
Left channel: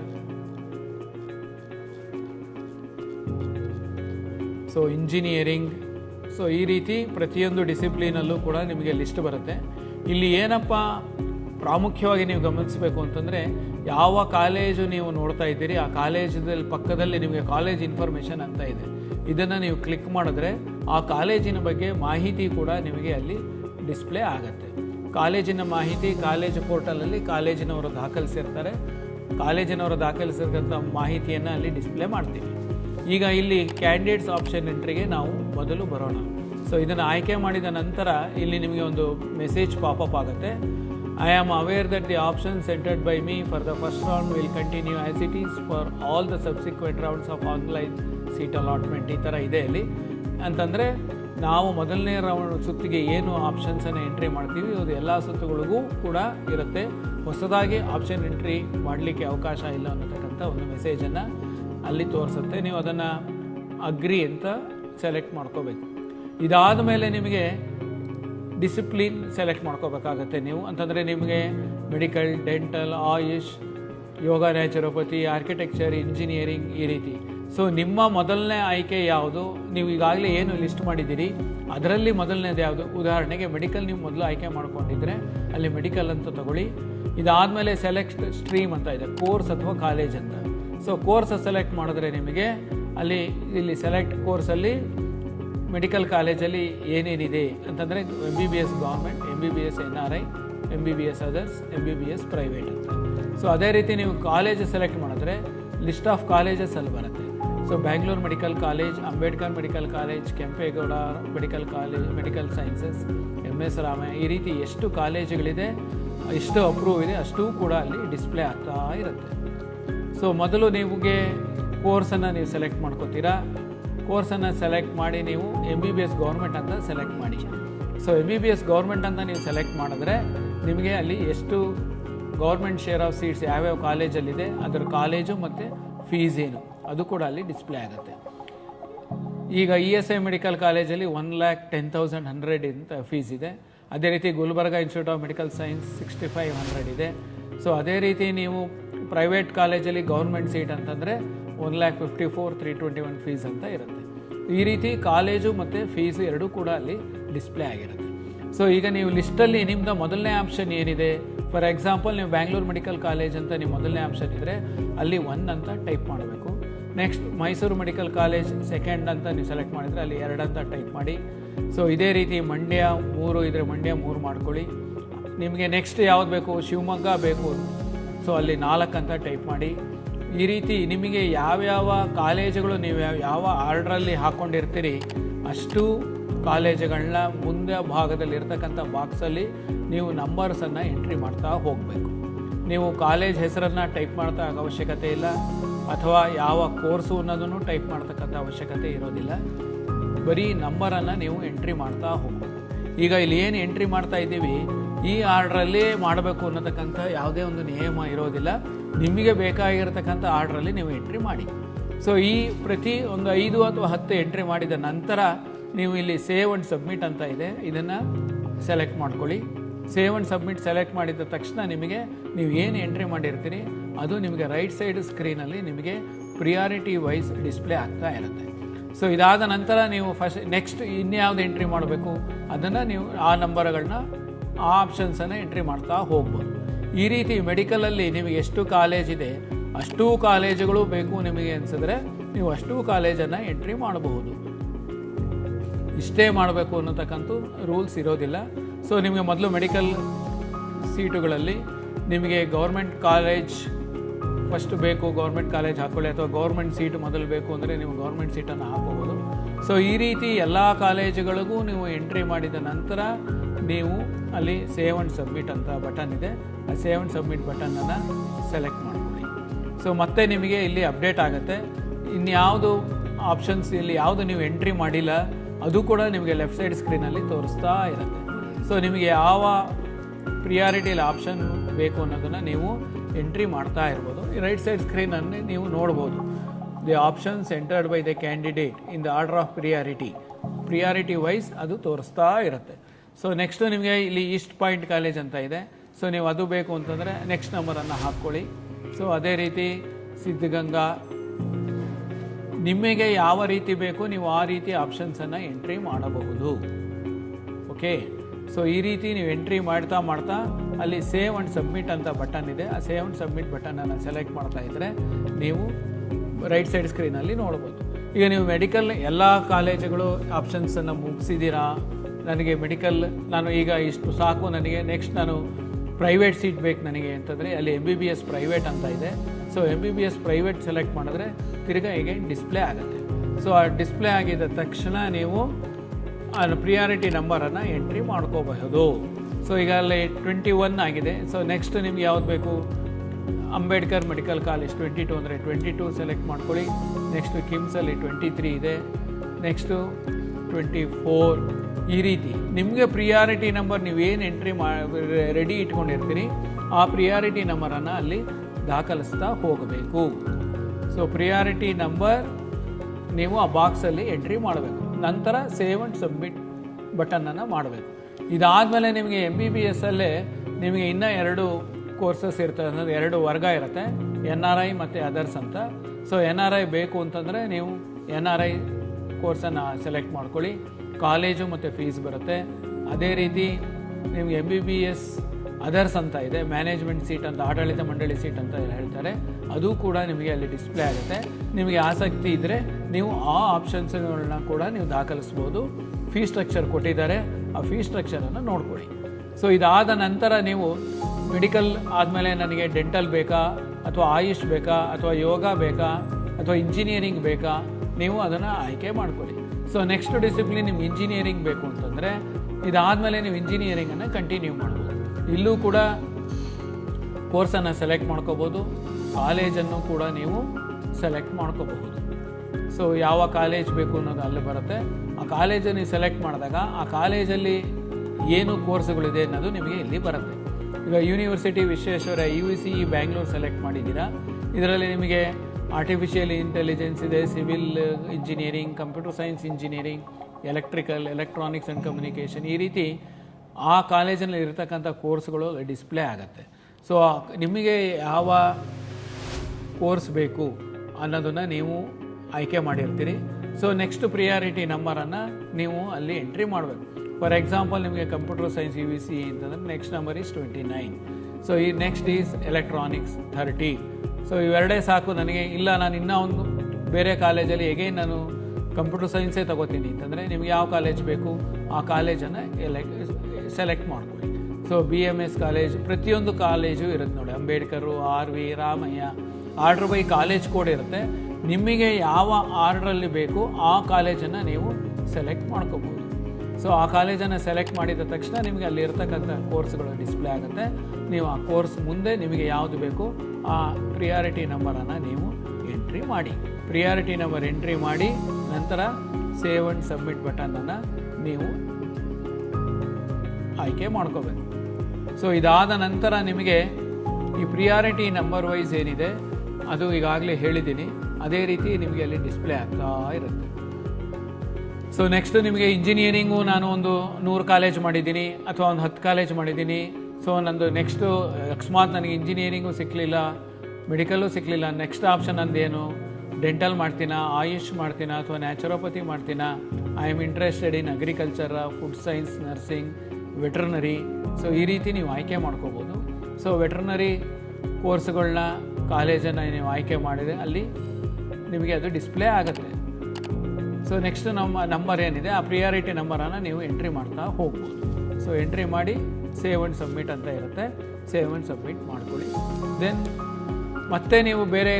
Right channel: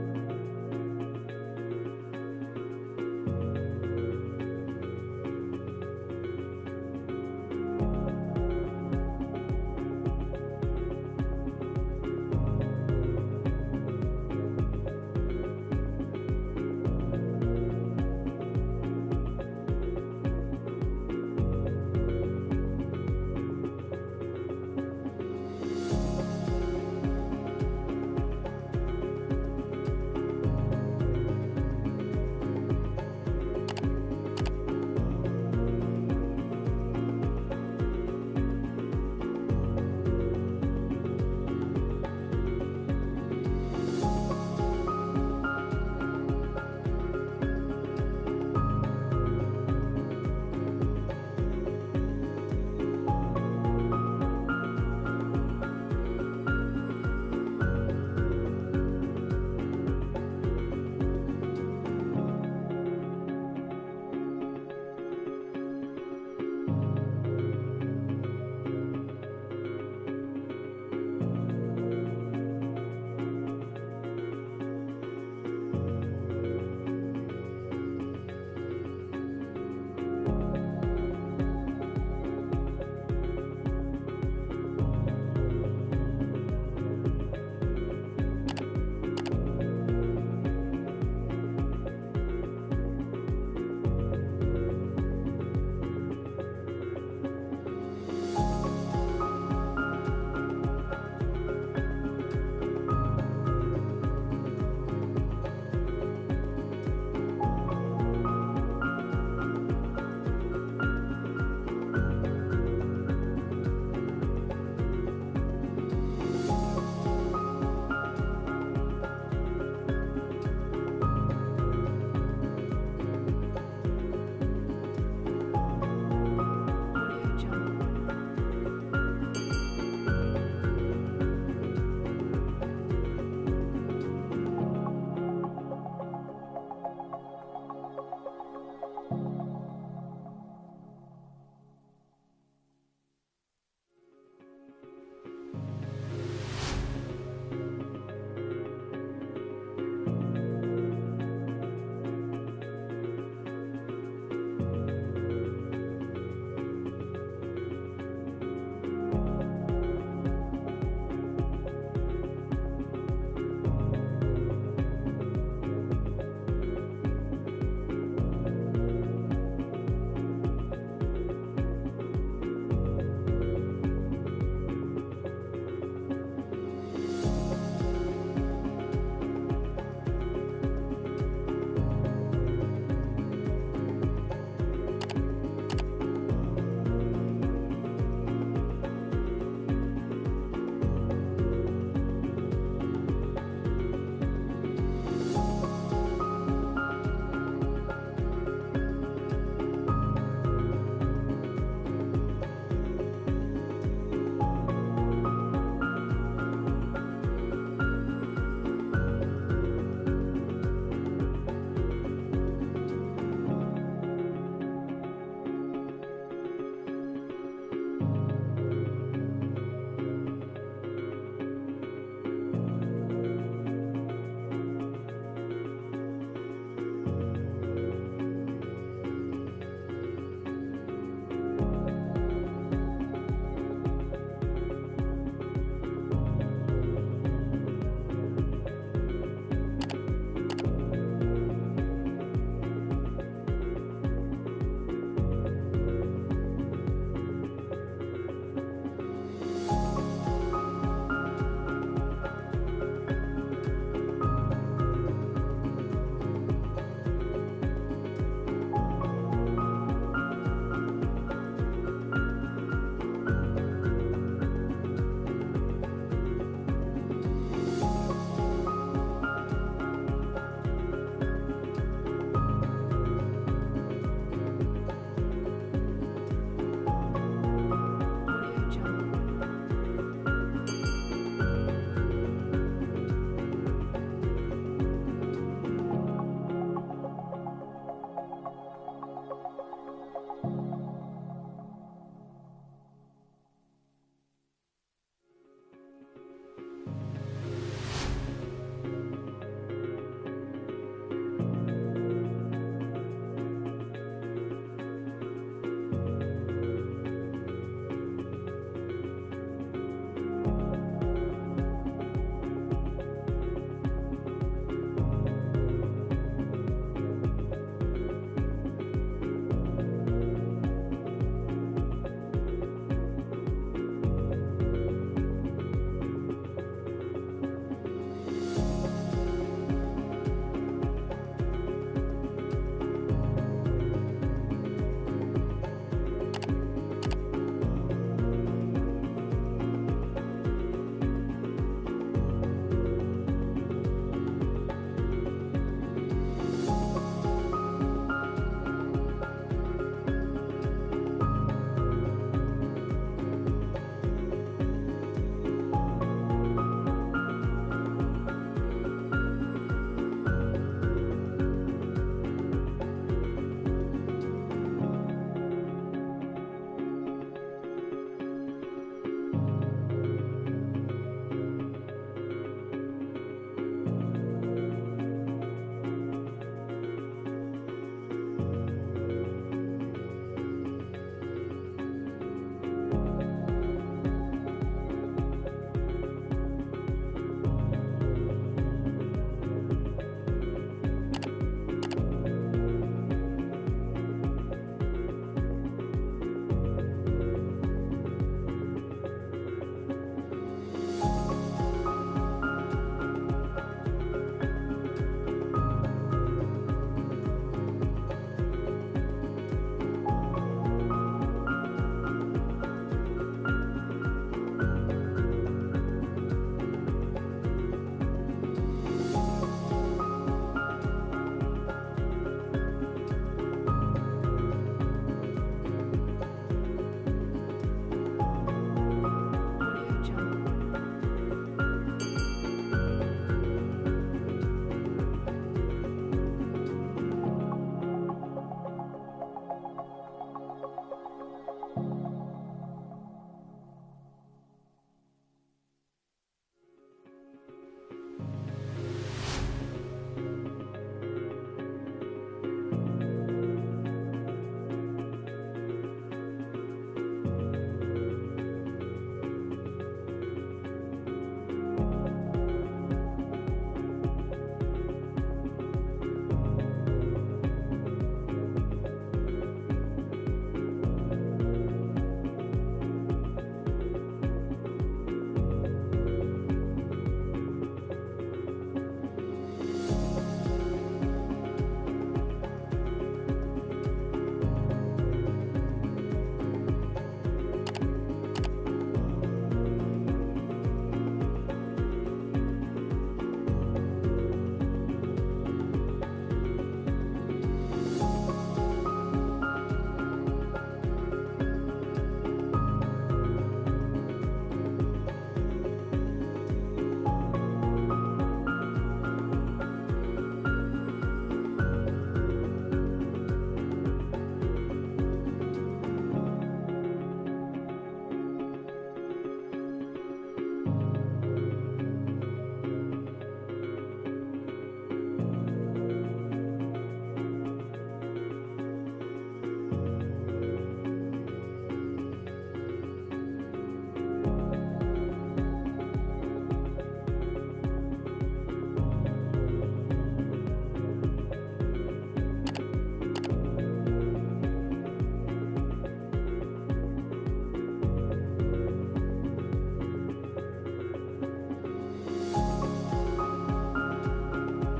ಸೊ ಇಂಜಿನಿಯರಿಂಗ್, ಸೊ ಈ ರೀತಿ ಪ್ರತಿಯೊಂದು ಡಿಸಿಪ್ಲಿನಲ್ಲೂ ಕೂಡ ನಿಮಗೆ ಲಿಸ್ಟ್ ಬರುತ್ತೆ. ಇಲ್ಲಿ ಏನಪ್ಪ ಪ್ರಾಮುಖ್ಯವಾಗಿ ನೀವು ಗಮನಿಸಬೇಕು ಅಂತಂದರೆ, ಯಾವ ಕಾಲೇಜು ನೀವು ನೋಡ್ತಾ ಇದ್ದೀರಿ ಆ ಕಾಲೇಜಲ್ಲಿ ಪಕ್ಕದಲ್ಲಿ ನಿಮಗೆ ಕಾಲೇಜ್ ಇನ್ಫಾರ್ಮೇಷನ್ ಅಂತ ಇದೆ. ಇದನ್ನು ನೀವು ಕ್ಲಿಕ್ ಮಾಡಿದ್ರೆ ಆ ಕಾಲೇಜಿನ ಬಗ್ಗೆ ಮಾಹಿತಿ ಕೂಡ ನಿಮಗೆ ಅಲ್ಲಿ ಡಿಸ್ಪ್ಲೇ ಆಗುತ್ತೆ. ಕಾಲೇಜಿನ ಮಾಹಿತಿ ಕಾಲೇಜು ಪೋರ್ಟಲಲ್ಲಿ ಕಾಲೇಜಿನವರು ದಾಖಲಿಸಿರ್ತಾರೆ. ಕಾಲೇಜಿನವರು ದಾಖಲಿಸಿರ್ತಕ್ಕಂಥ ಮಾಹಿತಿಯನ್ನು ಅಲ್ಲಿ ಡಿಸ್ಪ್ಲೇ ಮಾಡ್ತೀವಿ. ಈಗ ಇಲ್ಲಿ ಕ್ಯಾಂಡಿಡೇಟ್ಸ್ ಆಪ್ಷನ್ ಎಂಟ್ರಿಗೆ ನಾವು ಮೊದಲು ಬರೋಣ. ಸೊ ಇದನ್ನು ಆಯ್ಕೆ ಮಾಡಿದ ನಂತರ ಇಲ್ಲಿ ನಿಮಗೆ ಒಂದು ಮೆಸೇಜ್ ಪಾಪಪ್ ಆಗುತ್ತೆ. I am aware that the options entered by me for the first round will continue as it is for all the subsequent rounds of online seat allotment. ಈ ಥರ ಇದೆ ಇಲ್ಲಿ. ಅಂತಂದರೆ ನಾವು ಮೊದಲನೇ ಸುತ್ತಿಗೆ ಏನು ಆಪ್ಷನ್ಸನ್ನು ಎಂಟ್ರಿ ಮಾಡ್ತೀವಿ ಅದು ಎಲ್ಲ ಸುತ್ತುಗಳಿಗೂ ಕೂಡ ಇರುತ್ತೆ. ಹೊಸದಾಗಿ ಆಪ್ಷನ್ ಎಂಟ್ರಿ ಮಾಡಲಿಕ್ಕೆ ಅವಕಾಶ ಇಲ್ಲ ಅನ್ನತಕ್ಕಂಥ ಒಂದು ಮೆಸೇಜನ್ನು ಅಲ್ಲಿ ತೋರಿಸುತ್ತೆ. ನೀವು ಅದನ್ನು ಅಗ್ರಿ ಅಂತ ಸೆಲೆಕ್ಟ್ ಮಾಡ್ಕೋಬೇಕು. ಇದಾದ ಮೇಲೆ ನಿಮಗೆ ಡಿಸಿಪ್ಲಿನ್ ಸೆಲೆಕ್ಟ್ ಮಾಡ್ಕೋಬೇಕಾಗತ್ತೆ ನೀವು. ಅಂತಂದರೆ ನಿಮಗೆ ಮೆಡಿಕಲ್, ಡೆಂಟಲ್, ಆಯುಷ್, ಯೋಗ, ನ್ಯಾಚುರೋಪತಿ, ಆರ್ಕಿಟೆಕ್ಚರ್, ಇಂಜಿನಿಯರಿಂಗ್ ಈ ರೀತಿ. ಸೊ ನಿಮ್ಮ ಮೊದಲನೇ ಆಯ್ಕೆ ಯಾವುದು? ನೀವು ಈಗಾಗಲೇ ಏನು ಲಿಸ್ಟ್ ಮಾಡಿದ್ದೀರಿ ಅದರಲ್ಲಿ ಮೊದಲನೇದು ಯಾವುದು? ಉದಾಹರಣೆಗೆ ಮೆಡಿಕಲ್ ನೀವು ಮೊದಲು ಆಯ್ಕೆ ಮಾಡ್ಕೊಂಡಿದ್ರೆ ಅಲ್ಲಿ ಮೆಡಿಕಲ್ ಅಂತ ತಗೊಳ್ಳಿ. ಇದಾದಮೇಲೆ ಸೆಲೆಕ್ಟ್ ಸ್ಟ್ರೀಮ್ ಅಂತ ಇದೆ, ಕೋರ್ಸ್ ಅಥವಾ ಕಾಲೇಜ್ ಅಂತ. ಸೊ ಕೋರ್ಸ್ ಸೆಲೆಕ್ಟ್ ಮಾಡಿದ್ರೆ ನಿಮಗೆ ಅಲ್ಲಿ ಇಲ್ಲಿ ಸೆಲೆಕ್ಟ್ ಕೋರ್ಸಲ್ಲಿ ಮೆಡಿಕಲ್ ಕಾಲೇಜಲ್ಲಿ ಏನೇನಿದೆ ಅಂತಂದರೆ MBBS government, MBBS NRI, MBBS others, MBBS private ಅಂತ. ಸೊ ಅದೇ ರೀತಿ ನೀವು ಕಾಲೇಜ್ ಸೆಲೆಕ್ಟ್ ಮಾಡಿದ್ರೆ ಲಿಸ್ಟ್ ಆಫ್ ಕಾಲೇಜಸ್ ಅಲ್ಲಿ ಬರುತ್ತೆ. So Bangalore medical college, Ambedkar medical college, Kempegowda medical college, medical sciences, MS Ramaiah, ಈ ರೀತಿ ಎಷ್ಟು ಕಾಲೇಜುಗಳಿದೆ, ಎಷ್ಟು ಅಪ್ರೂವ್ ಇದೆ ಅಷ್ಟೂ ಕೂಡ ಅಲ್ಲಿ ಡಿಸ್ಪ್ಲೇ ಆಗ್ತಾ ಇರುತ್ತೆ. ಸೊ ಮೊದಲು ನಿಮಗೆ ಕೋರ್ಸನ್ನು ನೀವು ಸೆಲೆಕ್ಟ್ ಮಾಡ್ಕೊತೀರಾ. ಕೋರ್ಸನ್ನು ಸೆಲೆಕ್ಟ್ ಮಾಡಿ ನೀವು MBBS ಗೌರ್ಮೆಂಟ್ ಅಂತ ಸೆಲೆಕ್ಟ್ ಮಾಡಿ. ಸೊ MBBS ಗೌರ್ಮೆಂಟ್ ಅಂತ ನೀವು ಸೆಲೆಕ್ಟ್ ಮಾಡಿದ್ರೆ ನಿಮಗೆ ಅಲ್ಲಿ ಎಷ್ಟು ಗೌರ್ಮೆಂಟ್ ಶೇರ್ ಆಫ್ ಸೀಟ್ಸ್ ಯಾವ್ಯಾವ ಕಾಲೇಜಲ್ಲಿದೆ, ಅದರ ಕಾಲೇಜು ಮತ್ತು ಫೀಸ್ ಏನು ಅದು ಕೂಡ ಅಲ್ಲಿ ಡಿಸ್ಪ್ಲೇ ಆಗುತ್ತೆ. ಈಗ ESI ಮೆಡಿಕಲ್ ಕಾಲೇಜಲ್ಲಿ 1,10,100 ಅಂತ ಫೀಸ್ ಇದೆ. ಅದೇ ರೀತಿ Gulbarga institute of medical science 6,500 ಇದೆ. ಸೊ ಅದೇ ರೀತಿ ನೀವು ಪ್ರೈವೇಟ್ ಕಾಲೇಜಲ್ಲಿ ಗೌರ್ಮೆಂಟ್ ಸೀಟ್ ಅಂತಂದರೆ 1,54,321 ಫೀಸ್ ಅಂತ ಇರುತ್ತೆ. ಈ ರೀತಿ ಕಾಲೇಜು ಮತ್ತು ಫೀಸು ಎರಡೂ ಕೂಡ ಅಲ್ಲಿ ಡಿಸ್ಪ್ಲೇ ಆಗಿರುತ್ತೆ. ಸೊ ಈಗ ನೀವು ಲಿಸ್ಟಲ್ಲಿ ನಿಮ್ಮದು ಮೊದಲನೇ ಆಪ್ಷನ್ ಏನಿದೆ, ಫಾರ್ ಎಕ್ಸಾಂಪಲ್ ನೀವು ಬ್ಯಾಂಗ್ಳೂರು ಮೆಡಿಕಲ್ ಕಾಲೇಜ್ ಅಂತ ನೀವು ಮೊದಲನೇ ಆಪ್ಷನ್ ಇದ್ದರೆ ಅಲ್ಲಿ 1 ಅಂತ ಟೈಪ್ ಮಾಡಬೇಕು. Next Mysuru medical college second ಅಂತ ನೀವು ಸೆಲೆಕ್ಟ್ ಮಾಡಿದರೆ ಅಲ್ಲಿ 2 ಅಂತ ಟೈಪ್ ಮಾಡಿ. ಸೊ ಇದೇ ರೀತಿ ಮಂಡ್ಯ 3 ಇದ್ದರೆ ಮಂಡ್ಯ 3 ಮಾಡ್ಕೊಳ್ಳಿ. ನಿಮಗೆ ನೆಕ್ಸ್ಟ್ ಯಾವ್ದು ಬೇಕು, ಶಿವಮೊಗ್ಗ ಬೇಕು, ಸೊ ಅಲ್ಲಿ 4 ಅಂತ ಟೈಪ್ ಮಾಡಿ. ಈ ರೀತಿ ನಿಮಗೆ ಯಾವ್ಯಾವ ಕಾಲೇಜುಗಳು ನೀವು ಯಾವ ಆರ್ಡ್ರಲ್ಲಿ ಹಾಕ್ಕೊಂಡಿರ್ತೀರಿ ಅಷ್ಟು ಕಾಲೇಜುಗಳನ್ನ ಮುಂದೆ ಭಾಗದಲ್ಲಿ ಇರ್ತಕ್ಕಂಥ ಬಾಕ್ಸಲ್ಲಿ ನೀವು ನಂಬರ್ಸನ್ನು ಎಂಟ್ರಿ ಮಾಡ್ತಾ ಹೋಗಬೇಕು. ನೀವು ಕಾಲೇಜ್ ಹೆಸರನ್ನು ಟೈಪ್ ಮಾಡ್ತಾ ಅವಶ್ಯಕತೆ ಇಲ್ಲ, ಅಥವಾ ಯಾವ ಕೋರ್ಸು ಅನ್ನೋದನ್ನು ಟೈಪ್ ಮಾಡ್ತಕ್ಕಂಥ ಅವಶ್ಯಕತೆ ಇರೋದಿಲ್ಲ. ಬರೀ ನಂಬರನ್ನು ನೀವು ಎಂಟ್ರಿ ಮಾಡ್ತಾ ಹೋಗಿ. ಈಗ ಇಲ್ಲಿ ಏನು ಎಂಟ್ರಿ ಮಾಡ್ತಾ ಇದ್ದೀವಿ ಈ ಆರ್ಡ್ರಲ್ಲಿ ಮಾಡಬೇಕು ಅನ್ನತಕ್ಕಂಥ ಯಾವುದೇ ಒಂದು ನಿಯಮ ಇರೋದಿಲ್ಲ. ನಿಮಗೆ ಬೇಕಾಗಿರ್ತಕ್ಕಂಥ ಆರ್ಡ್ರಲ್ಲಿ ನೀವು ಎಂಟ್ರಿ ಮಾಡಿ. ಸೊ ಈ ಪ್ರತಿ ಒಂದು 5 ಅಥವಾ 10 ಎಂಟ್ರಿ ಮಾಡಿದ ನಂತರ ನೀವು ಇಲ್ಲಿ ಸೇವ್ ಆ್ಯಂಡ್ ಸಬ್ಮಿಟ್ ಅಂತ ಇದೆ, ಇದನ್ನು ಸೆಲೆಕ್ಟ್ ಮಾಡ್ಕೊಳ್ಳಿ. ಸೇವ್ ಆ್ಯಂಡ್ ಸಬ್ಮಿಟ್ ಸೆಲೆಕ್ಟ್ ಮಾಡಿದ ತಕ್ಷಣ ನಿಮಗೆ ನೀವು ಏನು ಎಂಟ್ರಿ ಮಾಡಿರ್ತೀರಿ ಅದು ನಿಮಗೆ ರೈಟ್ ಸೈಡ್ ಸ್ಕ್ರೀನಲ್ಲಿ ನಿಮಗೆ ಪ್ರಿಯಾರಿಟಿ ವೈಸ್ ಡಿಸ್ಪ್ಲೇ ಆಗ್ತಾ ಇರುತ್ತೆ. ಸೊ ಇದಾದ ನಂತರ ನೀವು ನೆಕ್ಸ್ಟ್ ಇನ್ಯಾವುದು ಎಂಟ್ರಿ ಮಾಡಬೇಕು ಅದನ್ನು ನೀವು ಆ ನಂಬರ್ಗಳನ್ನ ಆ ಆಪ್ಷನ್ಸನ್ನು ಎಂಟ್ರಿ ಮಾಡ್ತಾ ಹೋಗ್ಬೋದು. ಈ ರೀತಿ ಮೆಡಿಕಲಲ್ಲಿ ನಿಮಗೆ ಎಷ್ಟು ಕಾಲೇಜ್ ಇದೆ ಅಷ್ಟೂ ಕಾಲೇಜುಗಳು ಬೇಕು ನಿಮಗೆ ಅನಿಸಿದ್ರೆ ನೀವು ಅಷ್ಟೂ ಕಾಲೇಜನ್ನು ಎಂಟ್ರಿ ಮಾಡಬಹುದು. ಇಷ್ಟೇ ಮಾಡಬೇಕು ಅನ್ನತಕ್ಕಂಥ ರೂಲ್ಸ್ ಇರೋದಿಲ್ಲ. ಸೊ ನಿಮಗೆ ಮೊದಲು ಮೆಡಿಕಲ್ ಸೀಟುಗಳಲ್ಲಿ ನಿಮಗೆ ಗೌರ್ಮೆಂಟ್ ಕಾಲೇಜ್ ಫಸ್ಟ್ ಬೇಕು, ಗೌರ್ಮೆಂಟ್ ಕಾಲೇಜ್ ಹಾಕ್ಕೊಳ್ಳಿ, ಅಥವಾ ಗೌರ್ಮೆಂಟ್ ಸೀಟು ಮೊದಲು ಬೇಕು ಅಂದರೆ ನೀವು ಗೌರ್ಮೆಂಟ್ ಸೀಟನ್ನು ಹಾಕಬಹುದು. ಸೊ ಈ ರೀತಿ ಎಲ್ಲ ಕಾಲೇಜುಗಳಿಗೂ ನೀವು ಎಂಟ್ರಿ ಮಾಡಿದ ನಂತರ ನೀವು ಅಲ್ಲಿ ಸೇವ್ ಆ್ಯಂಡ್ ಸಬ್ಮಿಟ್ ಅಂತ ಬಟನ್ ಇದೆ, ಆ ಸೇವ್ ಆ್ಯಂಡ್ ಸಬ್ಮಿಟ್ ಬಟನನ್ನು ಸೆಲೆಕ್ಟ್ ಮಾಡ್ಕೊಳ್ಳಿ. ಸೊ ಮತ್ತೆ ನಿಮಗೆ ಇಲ್ಲಿ ಅಪ್ಡೇಟ್ ಆಗುತ್ತೆ. ಇನ್ಯಾವುದು ಆಪ್ಷನ್ಸ್ ಇಲ್ಲಿ ಯಾವುದು ನೀವು ಎಂಟ್ರಿ ಮಾಡಿಲ್ಲ ಅದು ಕೂಡ ನಿಮಗೆ ಲೆಫ್ಟ್ ಸೈಡ್ ಸ್ಕ್ರೀನಲ್ಲಿ ತೋರಿಸ್ತಾ ಇರುತ್ತೆ. ಸೊ ನಿಮಗೆ ಯಾವ ಪ್ರಿಯಾರಿಟಿಯಲ್ಲಿ ಆಪ್ಷನ್ ಬೇಕು ಅನ್ನೋದನ್ನು ನೀವು ಎಂಟ್ರಿ ಮಾಡ್ತಾ ಇರ್ಬೋದು. ರೈಟ್ ಸೈಡ್ ಸ್ಕ್ರೀನಲ್ಲಿ ನೀವು ನೋಡ್ಬೋದು. The options entered by the candidate in the order of priority wise ಅದು ತೋರಿಸ್ತಾ ಇರುತ್ತೆ. ಸೊ ನೆಕ್ಸ್ಟು ನಿಮಗೆ ಇಲ್ಲಿ ಈಸ್ಟ್ ಪಾಯಿಂಟ್ ಕಾಲೇಜ್ ಅಂತ ಇದೆ. ಸೊ ನೀವು ಅದು ಬೇಕು ಅಂತಂದರೆ ನೆಕ್ಸ್ಟ್ ನಂಬರನ್ನು ಹಾಕ್ಕೊಳ್ಳಿ. ಸೊ ಅದೇ ರೀತಿ ಸಿದ್ಧಗಂಗಾ, ನಿಮಗೆ ಯಾವ ರೀತಿ ಬೇಕು ನೀವು ಆ ರೀತಿ ಆಪ್ಷನ್ಸನ್ನು ಎಂಟ್ರಿ ಮಾಡಬಹುದು. ಓಕೆ, ಸೊ ಈ ರೀತಿ ನೀವು ಎಂಟ್ರಿ ಮಾಡ್ತಾ ಅಲ್ಲಿ ಸೇವ್ ಆ್ಯಂಡ್ ಸಬ್ಮಿಟ್ ಅಂತ ಬಟನ್ ಇದೆ. ಆ ಸೇವ್ ಆ್ಯಂಡ್ ಸಬ್ಮಿಟ್ ಬಟನನ್ನು ಸೆಲೆಕ್ಟ್ ಮಾಡ್ತಾ ಇದ್ದರೆ ನೀವು ರೈಟ್ ಸೈಡ್ ಸ್ಕ್ರೀನಲ್ಲಿ ನೋಡ್ಬೋದು. ಈಗ ನೀವು ಮೆಡಿಕಲ್ ಎಲ್ಲ ಕಾಲೇಜುಗಳು ಆಪ್ಷನ್ಸನ್ನು ಮುಗಿಸಿದ್ದೀರಾ, ನನಗೆ ಮೆಡಿಕಲ್ ನಾನು ಈಗ ಇಷ್ಟು ಸಾಕು, ನನಗೆ ನೆಕ್ಸ್ಟ್ ನಾನು ಪ್ರೈವೇಟ್ ಸೀಟ್ ಬೇಕು ನನಗೆ ಅಂತಂದರೆ ಅಲ್ಲಿ MBBS ಪ್ರೈವೇಟ್ ಅಂತ ಇದೆ. ಸೊ MBBS ಪ್ರೈವೇಟ್ ಸೆಲೆಕ್ಟ್ ಮಾಡಿದ್ರೆ ತಿರ್ಗಾ ಹೀಗೆ ಡಿಸ್ಪ್ಲೇ ಆಗುತ್ತೆ. ಸೊ ಆ ಡಿಸ್ಪ್ಲೇ ಆಗಿದ್ದ ತಕ್ಷಣ ನೀವು ಆ ಪ್ರಿಯಾರಿಟಿ ನಂಬರನ್ನು ಎಂಟ್ರಿ ಮಾಡ್ಕೋಬಹುದು. ಸೊ ಈಗ ಅಲ್ಲಿ 21 ಆಗಿದೆ. ಸೊ ನೆಕ್ಸ್ಟ್ ನಿಮ್ಗೆ ಯಾವ್ದು ಬೇಕು, ಅಂಬೇಡ್ಕರ್ ಮೆಡಿಕಲ್ ಕಾಲೇಜ್ 22 ಅಂದರೆ 22 ಸೆಲೆಕ್ಟ್ ಮಾಡ್ಕೊಳ್ಳಿ. ನೆಕ್ಸ್ಟು ಕಿಮ್ಸಲ್ಲಿ 23 ಇದೆ, ನೆಕ್ಸ್ಟು 24. ಈ ರೀತಿ ನಿಮಗೆ ಪ್ರಿಯಾರಿಟಿ ನಂಬರ್ ನೀವೇನು ಎಂಟ್ರಿ ರೆಡಿ ಇಟ್ಕೊಂಡಿರ್ತೀರಿ ಆ ಪ್ರಿಯಾರಿಟಿ ನಂಬರನ್ನು ಅಲ್ಲಿ ದಾಖಲಿಸ್ತಾ ಹೋಗಬೇಕು. ಸೊ ಪ್ರಿಯಾರಿಟಿ ನಂಬರ್ ನೀವು ಆ ಬಾಕ್ಸಲ್ಲಿ ಎಂಟ್ರಿ ಮಾಡಬೇಕು. ನಂತರ ಸೇವ್ ಆ್ಯಂಡ್ ಸಬ್ಮಿಟ್ ಬಟನನ್ನು ಮಾಡಬೇಕು. ಇದಾದಮೇಲೆ ನಿಮಗೆ MBBSಲ್ಲೇ ನಿಮಗೆ ಇನ್ನೂ 2 ಕೋರ್ಸಸ್ ಇರ್ತದೆ, ಅನ್ನೋದು 2 ವರ್ಗ ಇರುತ್ತೆ, NRI ಮತ್ತು ಅದರ್ಸ್ ಅಂತ. ಸೊ NRI ಬೇಕು ಅಂತಂದರೆ ನೀವು NRI ಕೋರ್ಸನ್ನು ಸೆಲೆಕ್ಟ್ ಮಾಡ್ಕೊಳ್ಳಿ. ಕಾಲೇಜು ಮತ್ತು ಫೀಸ್ ಬರುತ್ತೆ. ಅದೇ ರೀತಿ ನಿಮಗೆ MBBS ಅದರ್ಸ್ ಅಂತ ಇದೆ, ಮ್ಯಾನೇಜ್ಮೆಂಟ್ ಸೀಟ್ ಅಂತ, ಆಡಳಿತ ಮಂಡಳಿ ಸೀಟ್ ಅಂತ ಹೇಳ್ತಾರೆ, ಅದು ಕೂಡ ನಿಮಗೆ ಅಲ್ಲಿ ಡಿಸ್ಪ್ಲೇ ಆಗುತ್ತೆ. ನಿಮಗೆ ಆಸಕ್ತಿ ಇದ್ದರೆ ನೀವು ಆ ಆಪ್ಷನ್ಸ್ಗಳನ್ನ ಕೂಡ ನೀವು ದಾಖಲಿಸ್ಬೋದು. ಫೀ ಸ್ಟ್ರಕ್ಚರ್ ಕೊಟ್ಟಿದ್ದಾರೆ, ಆ ಫೀ ಸ್ಟ್ರಕ್ಚರನ್ನು ನೋಡ್ಕೊಳ್ಳಿ. ಸೊ ಇದಾದ ನಂತರ ನೀವು ಮೆಡಿಕಲ್ ಆದಮೇಲೆ ನನಗೆ ಡೆಂಟಲ್ ಬೇಕಾ ಅಥವಾ ಆಯುಷ್ ಬೇಕಾ ಅಥವಾ ಯೋಗ ಬೇಕಾ ಅಥವಾ ಇಂಜಿನಿಯರಿಂಗ್ ಬೇಕಾ, ನೀವು ಅದನ್ನು ಆಯ್ಕೆ ಮಾಡ್ಕೊಳ್ಳಿ. ಸೊ ನೆಕ್ಸ್ಟ್ ಡಿಸಿಪ್ಲಿನ್ ನಿಮ್ಗೆ ಇಂಜಿನಿಯರಿಂಗ್ ಬೇಕು ಅಂತಂದರೆ ಇದಾದಮೇಲೆ ನೀವು ಇಂಜಿನಿಯರಿಂಗನ್ನು ಕಂಟಿನ್ಯೂ ಮಾಡ್ಬೋದು. ಇಲ್ಲೂ ಕೂಡ ಕೋರ್ಸನ್ನು ಸೆಲೆಕ್ಟ್ ಮಾಡ್ಕೋಬೋದು, ಕಾಲೇಜನ್ನು ಕೂಡ ನೀವು ಸೆಲೆಕ್ಟ್ ಮಾಡ್ಕೋಬೋದು. ಸೊ ಯಾವ ಕಾಲೇಜ್ ಬೇಕು ಅನ್ನೋದು ಅಲ್ಲಿ ಬರುತ್ತೆ. ಆ ಕಾಲೇಜನ್ನು ಸೆಲೆಕ್ಟ್ ಮಾಡಿದಾಗ ಆ ಕಾಲೇಜಲ್ಲಿ ಏನು ಕೋರ್ಸ್ಗಳಿದೆ ಅನ್ನೋದು ನಿಮಗೆ ಇಲ್ಲಿ ಬರುತ್ತೆ. ಈಗ university Vishweshwara UVC Bangalore select ಮಾಡಿದ್ದೀರಾ. ಇದರಲ್ಲಿ ನಿಮಗೆ ಆರ್ಟಿಫಿಷಿಯಲ್ ಇಂಟೆಲಿಜೆನ್ಸ್ ಇದೆ, civil engineering, computer science engineering, electrical, electronics and communication, ಈ ರೀತಿ ಆ ಕಾಲೇಜಲ್ಲಿ ಇರತಕ್ಕಂಥ ಕೋರ್ಸ್ಗಳು ಡಿಸ್ಪ್ಲೇ ಆಗುತ್ತೆ. ಸೊ ನಿಮಗೆ ಯಾವ ಕೋರ್ಸ್ ಬೇಕು ಅನ್ನೋದನ್ನು ನೀವು ಆಯ್ಕೆ ಮಾಡಿರ್ತೀರಿ. ಸೊ ನೆಕ್ಸ್ಟ್ ಪ್ರಿಯಾರಿಟಿ ನಂಬರನ್ನು ನೀವು ಅಲ್ಲಿ ಎಂಟ್ರಿ ಮಾಡಬೇಕು. ಫಾರ್ ಎಕ್ಸಾಂಪಲ್ ನಿಮಗೆ ಕಂಪ್ಯೂಟರ್ ಸೈನ್ಸ್ UVC ಅಂತಂದರೆ ನೆಕ್ಸ್ಟ್ ನಂಬರ್ ಈಸ್ 29. ಸೊ ಈ ನೆಕ್ಸ್ಟ್ ಈಸ್ ಎಲೆಕ್ಟ್ರಾನಿಕ್ಸ್ 30. ಸೊ ಇವೆರಡೇ ಸಾಕು ನನಗೆ, ಇಲ್ಲ ನಾನು ಇನ್ನೂ ಒಂದು ಬೇರೆ ಕಾಲೇಜಲ್ಲಿ ಹೇಗೇನು ನಾನು ಕಂಪ್ಯೂಟರ್ ಸೈನ್ಸೇ ತೊಗೋತೀನಿ ಅಂತಂದರೆ ನಿಮ್ಗೆ ಯಾವ ಕಾಲೇಜ್ ಬೇಕು ಆ ಕಾಲೇಜನ್ನು ಸೆಲೆಕ್ಟ್ ಮಾಡ್ಕೊಳ್ಳಿ. ಸೊ BMS ಕಾಲೇಜ್, ಪ್ರತಿಯೊಂದು ಕಾಲೇಜು ಇರುತ್ತೆ ನೋಡಿ, Ambedkar, RV, Ramaiah, order by college code ಇರುತ್ತೆ. ನಿಮಗೆ ಯಾವ ಆರ್ಡ್ರಲ್ಲಿ ಬೇಕು ಆ ಕಾಲೇಜನ್ನು ನೀವು ಸೆಲೆಕ್ಟ್ ಮಾಡ್ಕೋಬೋದು. ಸೊ ಆ ಕಾಲೇಜನ್ನು ಸೆಲೆಕ್ಟ್ ಮಾಡಿದ ತಕ್ಷಣ ನಿಮಗೆ ಅಲ್ಲಿರ್ತಕ್ಕಂಥ ಕೋರ್ಸ್ಗಳು ಡಿಸ್ಪ್ಲೇ ಆಗುತ್ತೆ. ನೀವು ಆ ಕೋರ್ಸ್ ಮುಂದೆ ನಿಮಗೆ ಯಾವುದು ಬೇಕು ಆ ಪ್ರಿಯಾರಿಟಿ ನಂಬರನ್ನು ನೀವು ಎಂಟ್ರಿ ಮಾಡಿ. ಪ್ರಿಯಾರಿಟಿ ನಂಬರ್ ಎಂಟ್ರಿ ಮಾಡಿ ನಂತರ ಸೇವ್ ಆ್ಯಂಡ್ ಸಬ್ಮಿಟ್ ಬಟನನ್ನು ನೀವು ಆಯ್ಕೆ ಮಾಡ್ಕೋಬೇಕು. ಸೊ ಇದಾದ ನಂತರ ನಿಮಗೆ ಈ ಪ್ರಿಯಾರಿಟಿ ನಂಬರ್ ವೈಸ್ ಏನಿದೆ ಅದು ಈಗಾಗಲೇ ಹೇಳಿದ್ದೀನಿ, ಅದೇ ರೀತಿ ನಿಮಗೆ ಅಲ್ಲಿ ಡಿಸ್ಪ್ಲೇ ಆಗ್ತಾ ಇರುತ್ತೆ. ಸೊ ನೆಕ್ಸ್ಟ್ ನಿಮಗೆ ಇಂಜಿನಿಯರಿಂಗು ನಾನು ಒಂದು 100 ಕಾಲೇಜ್ ಮಾಡಿದ್ದೀನಿ ಅಥವಾ ಒಂದು 10 ಕಾಲೇಜ್ ಮಾಡಿದ್ದೀನಿ. ಸೊ ನಂದು ನೆಕ್ಸ್ಟು ಅಕಸ್ಮಾತ್ ನನಗೆ ಇಂಜಿನಿಯರಿಂಗು ಸಿಕ್ಕಲಿಲ್ಲ, ಮೆಡಿಕಲ್ಲು ಸಿಕ್ಕಲಿಲ್ಲ, ನೆಕ್ಸ್ಟ್ ಆಪ್ಷನ್ ಅಂದೇನು, ಡೆಂಟಲ್ ಮಾಡ್ತೀನಾ, ಆಯುಷ್ ಮಾಡ್ತೀನಾ ಅಥವಾ ನ್ಯಾಚುರೋಪತಿ ಮಾಡ್ತೀನಾ, I am interested in agriculture, food science, nursing, veterinary. So ಈ ರೀತಿ ನೀವು ಆಯ್ಕೆ ಮಾಡ್ಕೋಬೋದು. ಸೊ ವೆಟ್ರನರಿ ಕೋರ್ಸ್ಗಳನ್ನ ಕಾಲೇಜನ್ನು ನೀವು ಆಯ್ಕೆ ಮಾಡಿದರೆ ಅಲ್ಲಿ ನಿಮಗೆ ಅದು ಡಿಸ್ಪ್ಲೇ ಆಗುತ್ತೆ. ಸೊ ನೆಕ್ಸ್ಟ್ ನಮ್ಮ ನಂಬರ್ ಏನಿದೆ ಆ ಪ್ರಿಯಾರಿಟಿ ನಂಬರನ್ನು ನೀವು ಎಂಟ್ರಿ ಮಾಡ್ತಾ ಹೋಗ್ಬೋದು. ಸೊ ಎಂಟ್ರಿ ಮಾಡಿ ಸೇವ್ ಆ್ಯಂಡ್ ಸಬ್ಮಿಟ್ ಅಂತ ಇರುತ್ತೆ, ಸೇವ್ ಆ್ಯಂಡ್ ಸಬ್ಮಿಟ್ ಮಾಡ್ಕೊಳ್ಳಿ. ದೆನ್ ಮತ್ತೆ ನೀವು ಬೇರೆ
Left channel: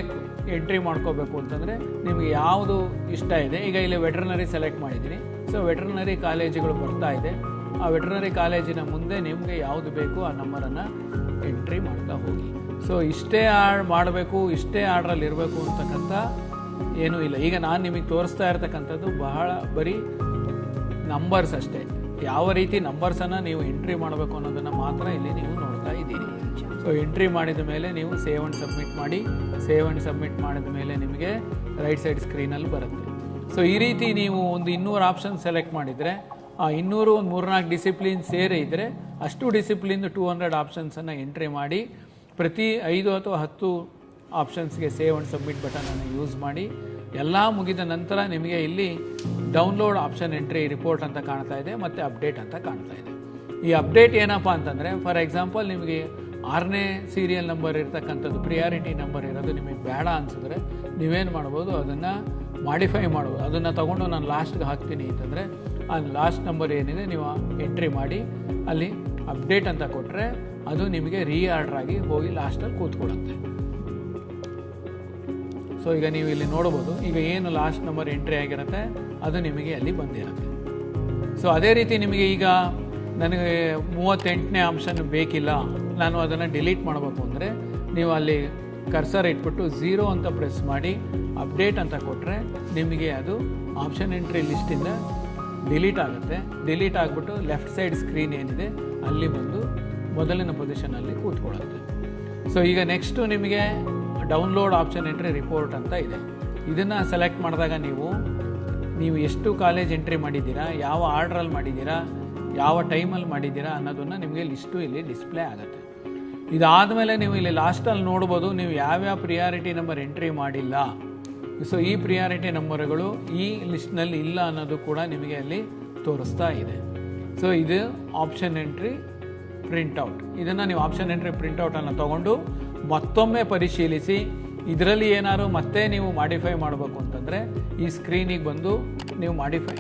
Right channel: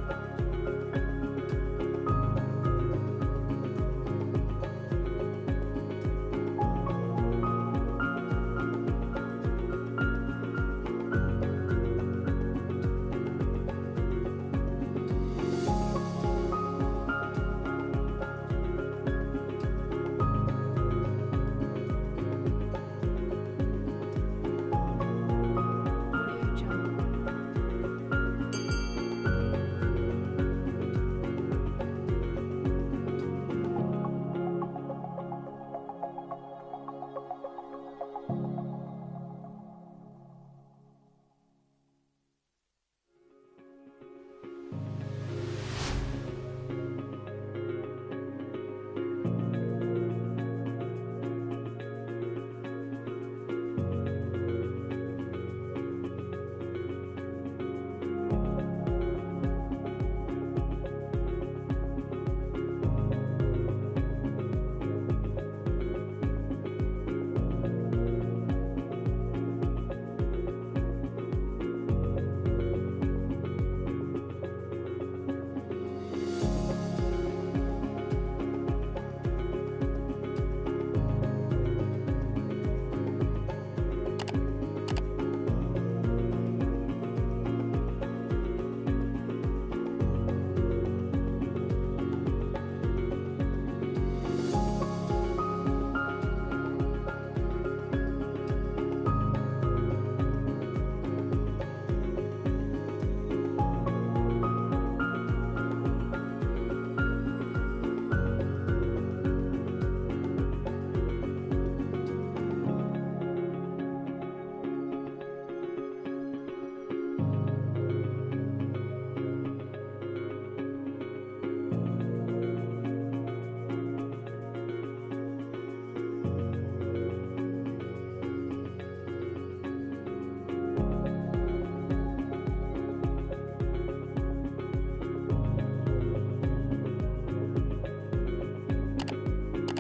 ಎಂಟ್ರಿ ಮಾಡ್ಕೋಬೇಕು ಅಂತಂದರೆ ನಿಮಗೆ ಯಾವುದು ಇಷ್ಟ ಇದೆ. ಈಗ ಇಲ್ಲಿ ವೆಟ್ರನರಿ ಸೆಲೆಕ್ಟ್ ಮಾಡಿದ್ದೀನಿ. ಸೊ ವೆಟ್ರನರಿ ಕಾಲೇಜುಗಳು ಬರ್ತಾ ಇದೆ. ಆ ವೆಟ್ರನರಿ ಕಾಲೇಜಿನ ಮುಂದೆ ನಿಮಗೆ ಯಾವುದು ಬೇಕು ಆ ನಂಬರನ್ನು ಎಂಟ್ರಿ ಮಾಡ್ತಾ ಹೋಗಿ. ಸೊ ಇಷ್ಟೇ ಮಾಡಬೇಕು, ಇಷ್ಟೇ ಆರ್ಡ್ರಲ್ಲಿ ಇರಬೇಕು ಅಂತಕ್ಕಂಥ ಏನೂ ಇಲ್ಲ. ಈಗ ನಾನು ನಿಮಗೆ ತೋರಿಸ್ತಾ ಇರ್ತಕ್ಕಂಥದ್ದು ಬರೀ ನಂಬರ್ಸ್ ಅಷ್ಟೇ. ಯಾವ ರೀತಿ ನಂಬರ್ಸನ್ನು ನೀವು ಎಂಟ್ರಿ ಮಾಡಬೇಕು ಅನ್ನೋದನ್ನು ಮಾತ್ರ ಇಲ್ಲಿ ನೀವು ನೋಡ್ತಾ ಇದ್ದೀರಿ. ಸೊ ಎಂಟ್ರಿ ಮಾಡಿದ ಮೇಲೆ ನೀವು ಸೇವ್ ಆ್ಯಂಡ್ ಸಬ್ಮಿಟ್ ಮಾಡಿ. ಸೇವ್ ಆ್ಯಂಡ್ ಸಬ್ಮಿಟ್ ಮಾಡಿದ ಮೇಲೆ ನಿಮಗೆ ರೈಟ್ ಸೈಡ್ ಸ್ಕ್ರೀನಲ್ಲಿ ಬರುತ್ತೆ. ಸೊ ಈ ರೀತಿ ನೀವು ಒಂದು 200 ಆಪ್ಷನ್ ಸೆಲೆಕ್ಟ್ ಮಾಡಿದರೆ ಆ 200 ಒಂದು 3-4 ಡಿಸಿಪ್ಲಿನ್ ಸೇರಿ ಇದ್ದರೆ ಅಷ್ಟು ಡಿಸಿಪ್ಲಿನ್ 200 ಆಪ್ಷನ್ಸನ್ನು ಎಂಟ್ರಿ ಮಾಡಿ ಪ್ರತಿ 5 ಅಥವಾ 10 ಆಪ್ಷನ್ಸ್ಗೆ ಸೇವ್ ಆ್ಯಂಡ್ ಸಬ್ಮಿಟ್ ಬಟನನ್ನು ಯೂಸ್ ಮಾಡಿ ಎಲ್ಲ ಮುಗಿದ ನಂತರ ನಿಮಗೆ ಇಲ್ಲಿ ಡೌನ್ಲೋಡ್ ಆಪ್ಷನ್ ಎಂಟ್ರಿ ರಿಪೋರ್ಟ್ ಅಂತ ಕಾಣ್ತಾ ಇದೆ ಮತ್ತು ಅಪ್ಡೇಟ್ ಅಂತ ಕಾಣ್ತಾ ಇದೆ. ಈ ಅಪ್ಡೇಟ್ ಏನಪ್ಪ ಅಂತಂದರೆ ಫಾರ್ ಎಕ್ಸಾಂಪಲ್ ನಿಮಗೆ 6ನೇ ಸೀರಿಯಲ್ ನಂಬರ್ ಇರ್ತಕ್ಕಂಥದ್ದು ಪ್ರಿಯಾರಿಟಿ ನಂಬರ್ ಇರೋದು ನಿಮಗೆ ಬೇಡ ಅನಿಸಿದ್ರೆ ನೀವೇನು ಮಾಡ್ಬೋದು, ಅದನ್ನು ಮಾಡಿಫೈ ಮಾಡ್ಬೋದು. ಅದನ್ನು ತೊಗೊಂಡು ನಾನು ಲಾಸ್ಟ್ಗೆ ಹಾಕ್ತೀನಿ ಅಂತಂದರೆ ಆ ಲಾಸ್ಟ್ ನಂಬರ್ ಏನಿದೆ ನೀವು ಎಂಟ್ರಿ ಮಾಡಿ ಅಲ್ಲಿ ಅಪ್ಡೇಟ್ ಅಂತ ಕೊಟ್ಟರೆ ಅದು ನಿಮಗೆ ರೀಆರ್ಡರ್ ಆಗಿ ಹೋಗಿ ಲಾಸ್ಟಲ್ಲಿ ಕೂತ್ಕೊಳ್ಳುತ್ತೆ. ಸೊ ಈಗ ನೀವು ಇಲ್ಲಿ ನೋಡ್ಬೋದು, ಈಗ ಏನು ಲಾಸ್ಟ್ ನಂಬರ್ ಎಂಟ್ರಿ ಆಗಿರುತ್ತೆ ಅದು ನಿಮಗೆ ಅಲ್ಲಿ ಬಂದಿರುತ್ತೆ. ಸೊ ಅದೇ ರೀತಿ ನಿಮಗೆ ಈಗ ನನಗೆ 38ನೇ ಆಪ್ಷನ್ ಬೇಕಿಲ್ಲ, ನಾನು ಅದನ್ನು ಡಿಲೀಟ್ ಮಾಡಬೇಕು ಅಂದರೆ ನೀವು ಅಲ್ಲಿ ಕರ್ಸರ್ ಇಟ್ಬಿಟ್ಟು 0 ಅಂತ ಪ್ರೆಸ್ ಮಾಡಿ ಅಪ್ಡೇಟ್ ಅಂತ ಕೊಟ್ಟರೆ ನಿಮಗೆ ಅದು ಆಪ್ಷನ್ ಎಂಟ್ರಿ ಲಿಸ್ಟಿಂದ ಡಿಲೀಟ್ ಆಗುತ್ತೆ. ಡಿಲೀಟ್ ಆಗಿಬಿಟ್ಟು ಲೆಫ್ಟ್ ಸೈಡ್ ಸ್ಕ್ರೀನ್ ಏನಿದೆ ಅಲ್ಲಿ ಬಂದು ಮೊದಲಿನ ಪೊಸಿಷನಲ್ಲಿ ಕೂತ್ಕೊಳ್ಳುತ್ತೆ. ಸೊ ಈಗ ನೆಕ್ಸ್ಟು ನಿಮಗೆ ಡೌನ್ಲೋಡ್ ಆಪ್ಷನ್ ಎಂಟ್ರಿ ರಿಪೋರ್ಟ್ ಅಂತ ಇದೆ. ಇದನ್ನು ಸೆಲೆಕ್ಟ್ ಮಾಡಿದಾಗ ನೀವು ಎಷ್ಟು ಕಾಲೇಜ್ ಎಂಟ್ರಿ ಮಾಡಿದ್ದೀರಾ, ಯಾವ ಆರ್ಡ್ರಲ್ಲಿ ಮಾಡಿದ್ದೀರಾ, ಯಾವ ಟೈಮಲ್ಲಿ ಮಾಡಿದ್ದೀರಾ ಅನ್ನೋದನ್ನು ನಿಮಗೆ ಲಿಸ್ಟು ಇಲ್ಲಿ ಡಿಸ್ಪ್ಲೇ ಆಗುತ್ತೆ. ಇದಾದಮೇಲೆ ನೀವು ಇಲ್ಲಿ ಲಾಸ್ಟಲ್ಲಿ ನೋಡ್ಬೋದು ನೀವು ಯಾವ್ಯಾವ ಪ್ರಿಯಾರಿಟಿ ನಂಬರ್ ಎಂಟ್ರಿ ಮಾಡಿಲ್ಲ. ಸೊ ಈ ಪ್ರಿಯಾರಿಟಿ ನಂಬರ್ಗಳು ಈ ಲಿಸ್ಟ್ನಲ್ಲಿ ಇಲ್ಲ ಅನ್ನೋದು ಕೂಡ ನಿಮಗೆ ಅಲ್ಲಿ ತೋರಿಸ್ತಾ ಇದೆ. ಸೊ ಇದು ಆಪ್ಷನ್ ಎಂಟ್ರಿ ಪ್ರಿಂಟೌಟ್. ಇದನ್ನು ನೀವು ಆಪ್ಷನ್ ಎಂಟ್ರಿ ಪ್ರಿಂಟೌಟನ್ನು ತೊಗೊಂಡು ಮತ್ತೊಮ್ಮೆ ಪರಿಶೀಲಿಸಿ ಇದರಲ್ಲಿ ಏನಾದ್ರು ಮತ್ತೆ ನೀವು ಮಾಡಿಫೈ ಮಾಡಬೇಕು ಅಂತಂದರೆ ಈ ಸ್ಕ್ರೀನಿಗೆ ಬಂದು ನೀವು ಮಾಡಿಫೈ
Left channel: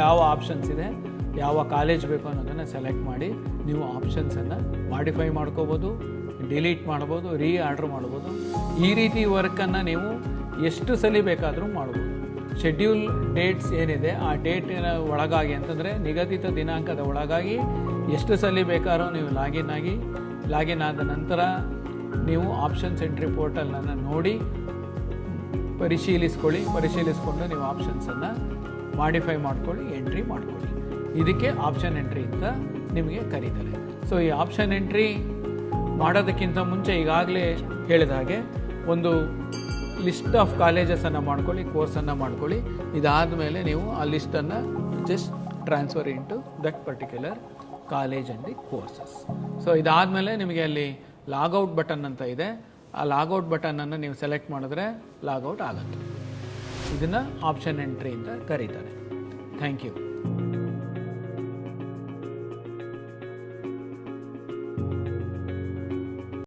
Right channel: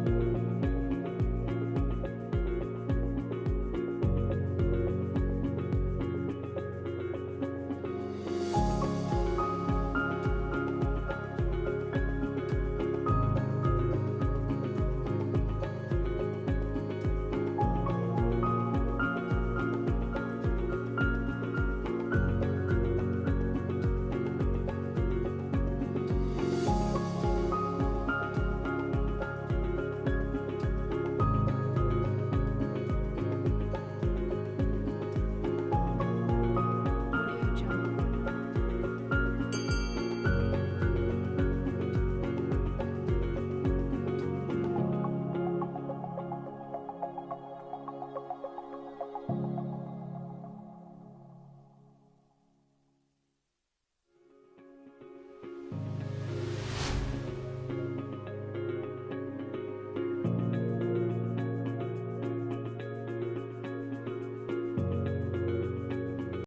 ಯಾವ ಆಪ್ಷನ್ಸ್ ಇದೆ, ಯಾವ ಕಾಲೇಜ್ ಬೇಕು ಅನ್ನೋದನ್ನು ಸೆಲೆಕ್ಟ್ ಮಾಡಿ ನೀವು ಆಪ್ಷನ್ಸನ್ನು ಮಾಡಿಫೈ ಮಾಡ್ಕೋಬೋದು, ಡಿಲೀಟ್ ಮಾಡ್ಬೋದು, ರೀಆರ್ಡ್ರ್ ಮಾಡ್ಬೋದು. ಈ ರೀತಿ ವರ್ಕನ್ನು ನೀವು ಎಷ್ಟು ಸಲ ಬೇಕಾದರೂ ಮಾಡ್ಬೋದು. ಶೆಡ್ಯೂಲ್ ಡೇಟ್ಸ್ ಏನಿದೆ ಆ ಡೇಟಿನ ಒಳಗಾಗಿ ಅಂತಂದರೆ ನಿಗದಿತ ದಿನಾಂಕದ ಒಳಗಾಗಿ ಎಷ್ಟು ಸಲ ಬೇಕಾದ್ರೂ ನೀವು ಲಾಗಿನ್ ಆದ ನಂತರ ನೀವು ಆಪ್ಷನ್ಸ್ ಎಂಟ್ರಿ ಪೋರ್ಟಲನ್ನು ನೋಡಿ ಪರಿಶೀಲಿಸ್ಕೊಂಡು ನೀವು ಆಪ್ಷನ್ಸನ್ನು ಮಾಡಿಫೈ ಮಾಡ್ಕೊಳ್ಳಿ, ಎಂಟ್ರಿ ಮಾಡ್ಕೊಳ್ಳಿ. ಇದಕ್ಕೆ ಆಪ್ಷನ್ ಎಂಟ್ರಿ ಅಂತ ನಿಮಗೆ ಕರೀತಾರೆ. ಸೊ ಈ ಆಪ್ಷನ್ ಎಂಟ್ರಿ ಮಾಡೋದಕ್ಕಿಂತ ಮುಂಚೆ ಈಗಾಗಲೇ ಹೇಳಿದ ಹಾಗೆ ಒಂದು ಲಿಸ್ಟ್ ಆಫ್ ಕಾಲೇಜಸನ್ನು ಮಾಡ್ಕೊಳ್ಳಿ, ಕೋರ್ಸನ್ನು ಮಾಡ್ಕೊಳ್ಳಿ. ಇದಾದ ಮೇಲೆ ನೀವು ಆ ಲಿಸ್ಟನ್ನು just transfer into that particular college and the courses. So ಇದಾದಮೇಲೆ ನಿಮಗೆ ಅಲ್ಲಿ ಲಾಗೌಟ್ ಬಟನ್ ಅಂತ ಇದೆ. ಆ ಲಾಗೌಟ್ ಬಟನನ್ನು ನೀವು ಸೆಲೆಕ್ಟ್ ಮಾಡಿದ್ರೆ ಲಾಗೌಟ್ ಆಗುತ್ತೆ. ಇದನ್ನು ಆಪ್ಷನ್ ಎಂಟ್ರಿ ಅಂತ ಕರೀತಾರೆ. Thank you.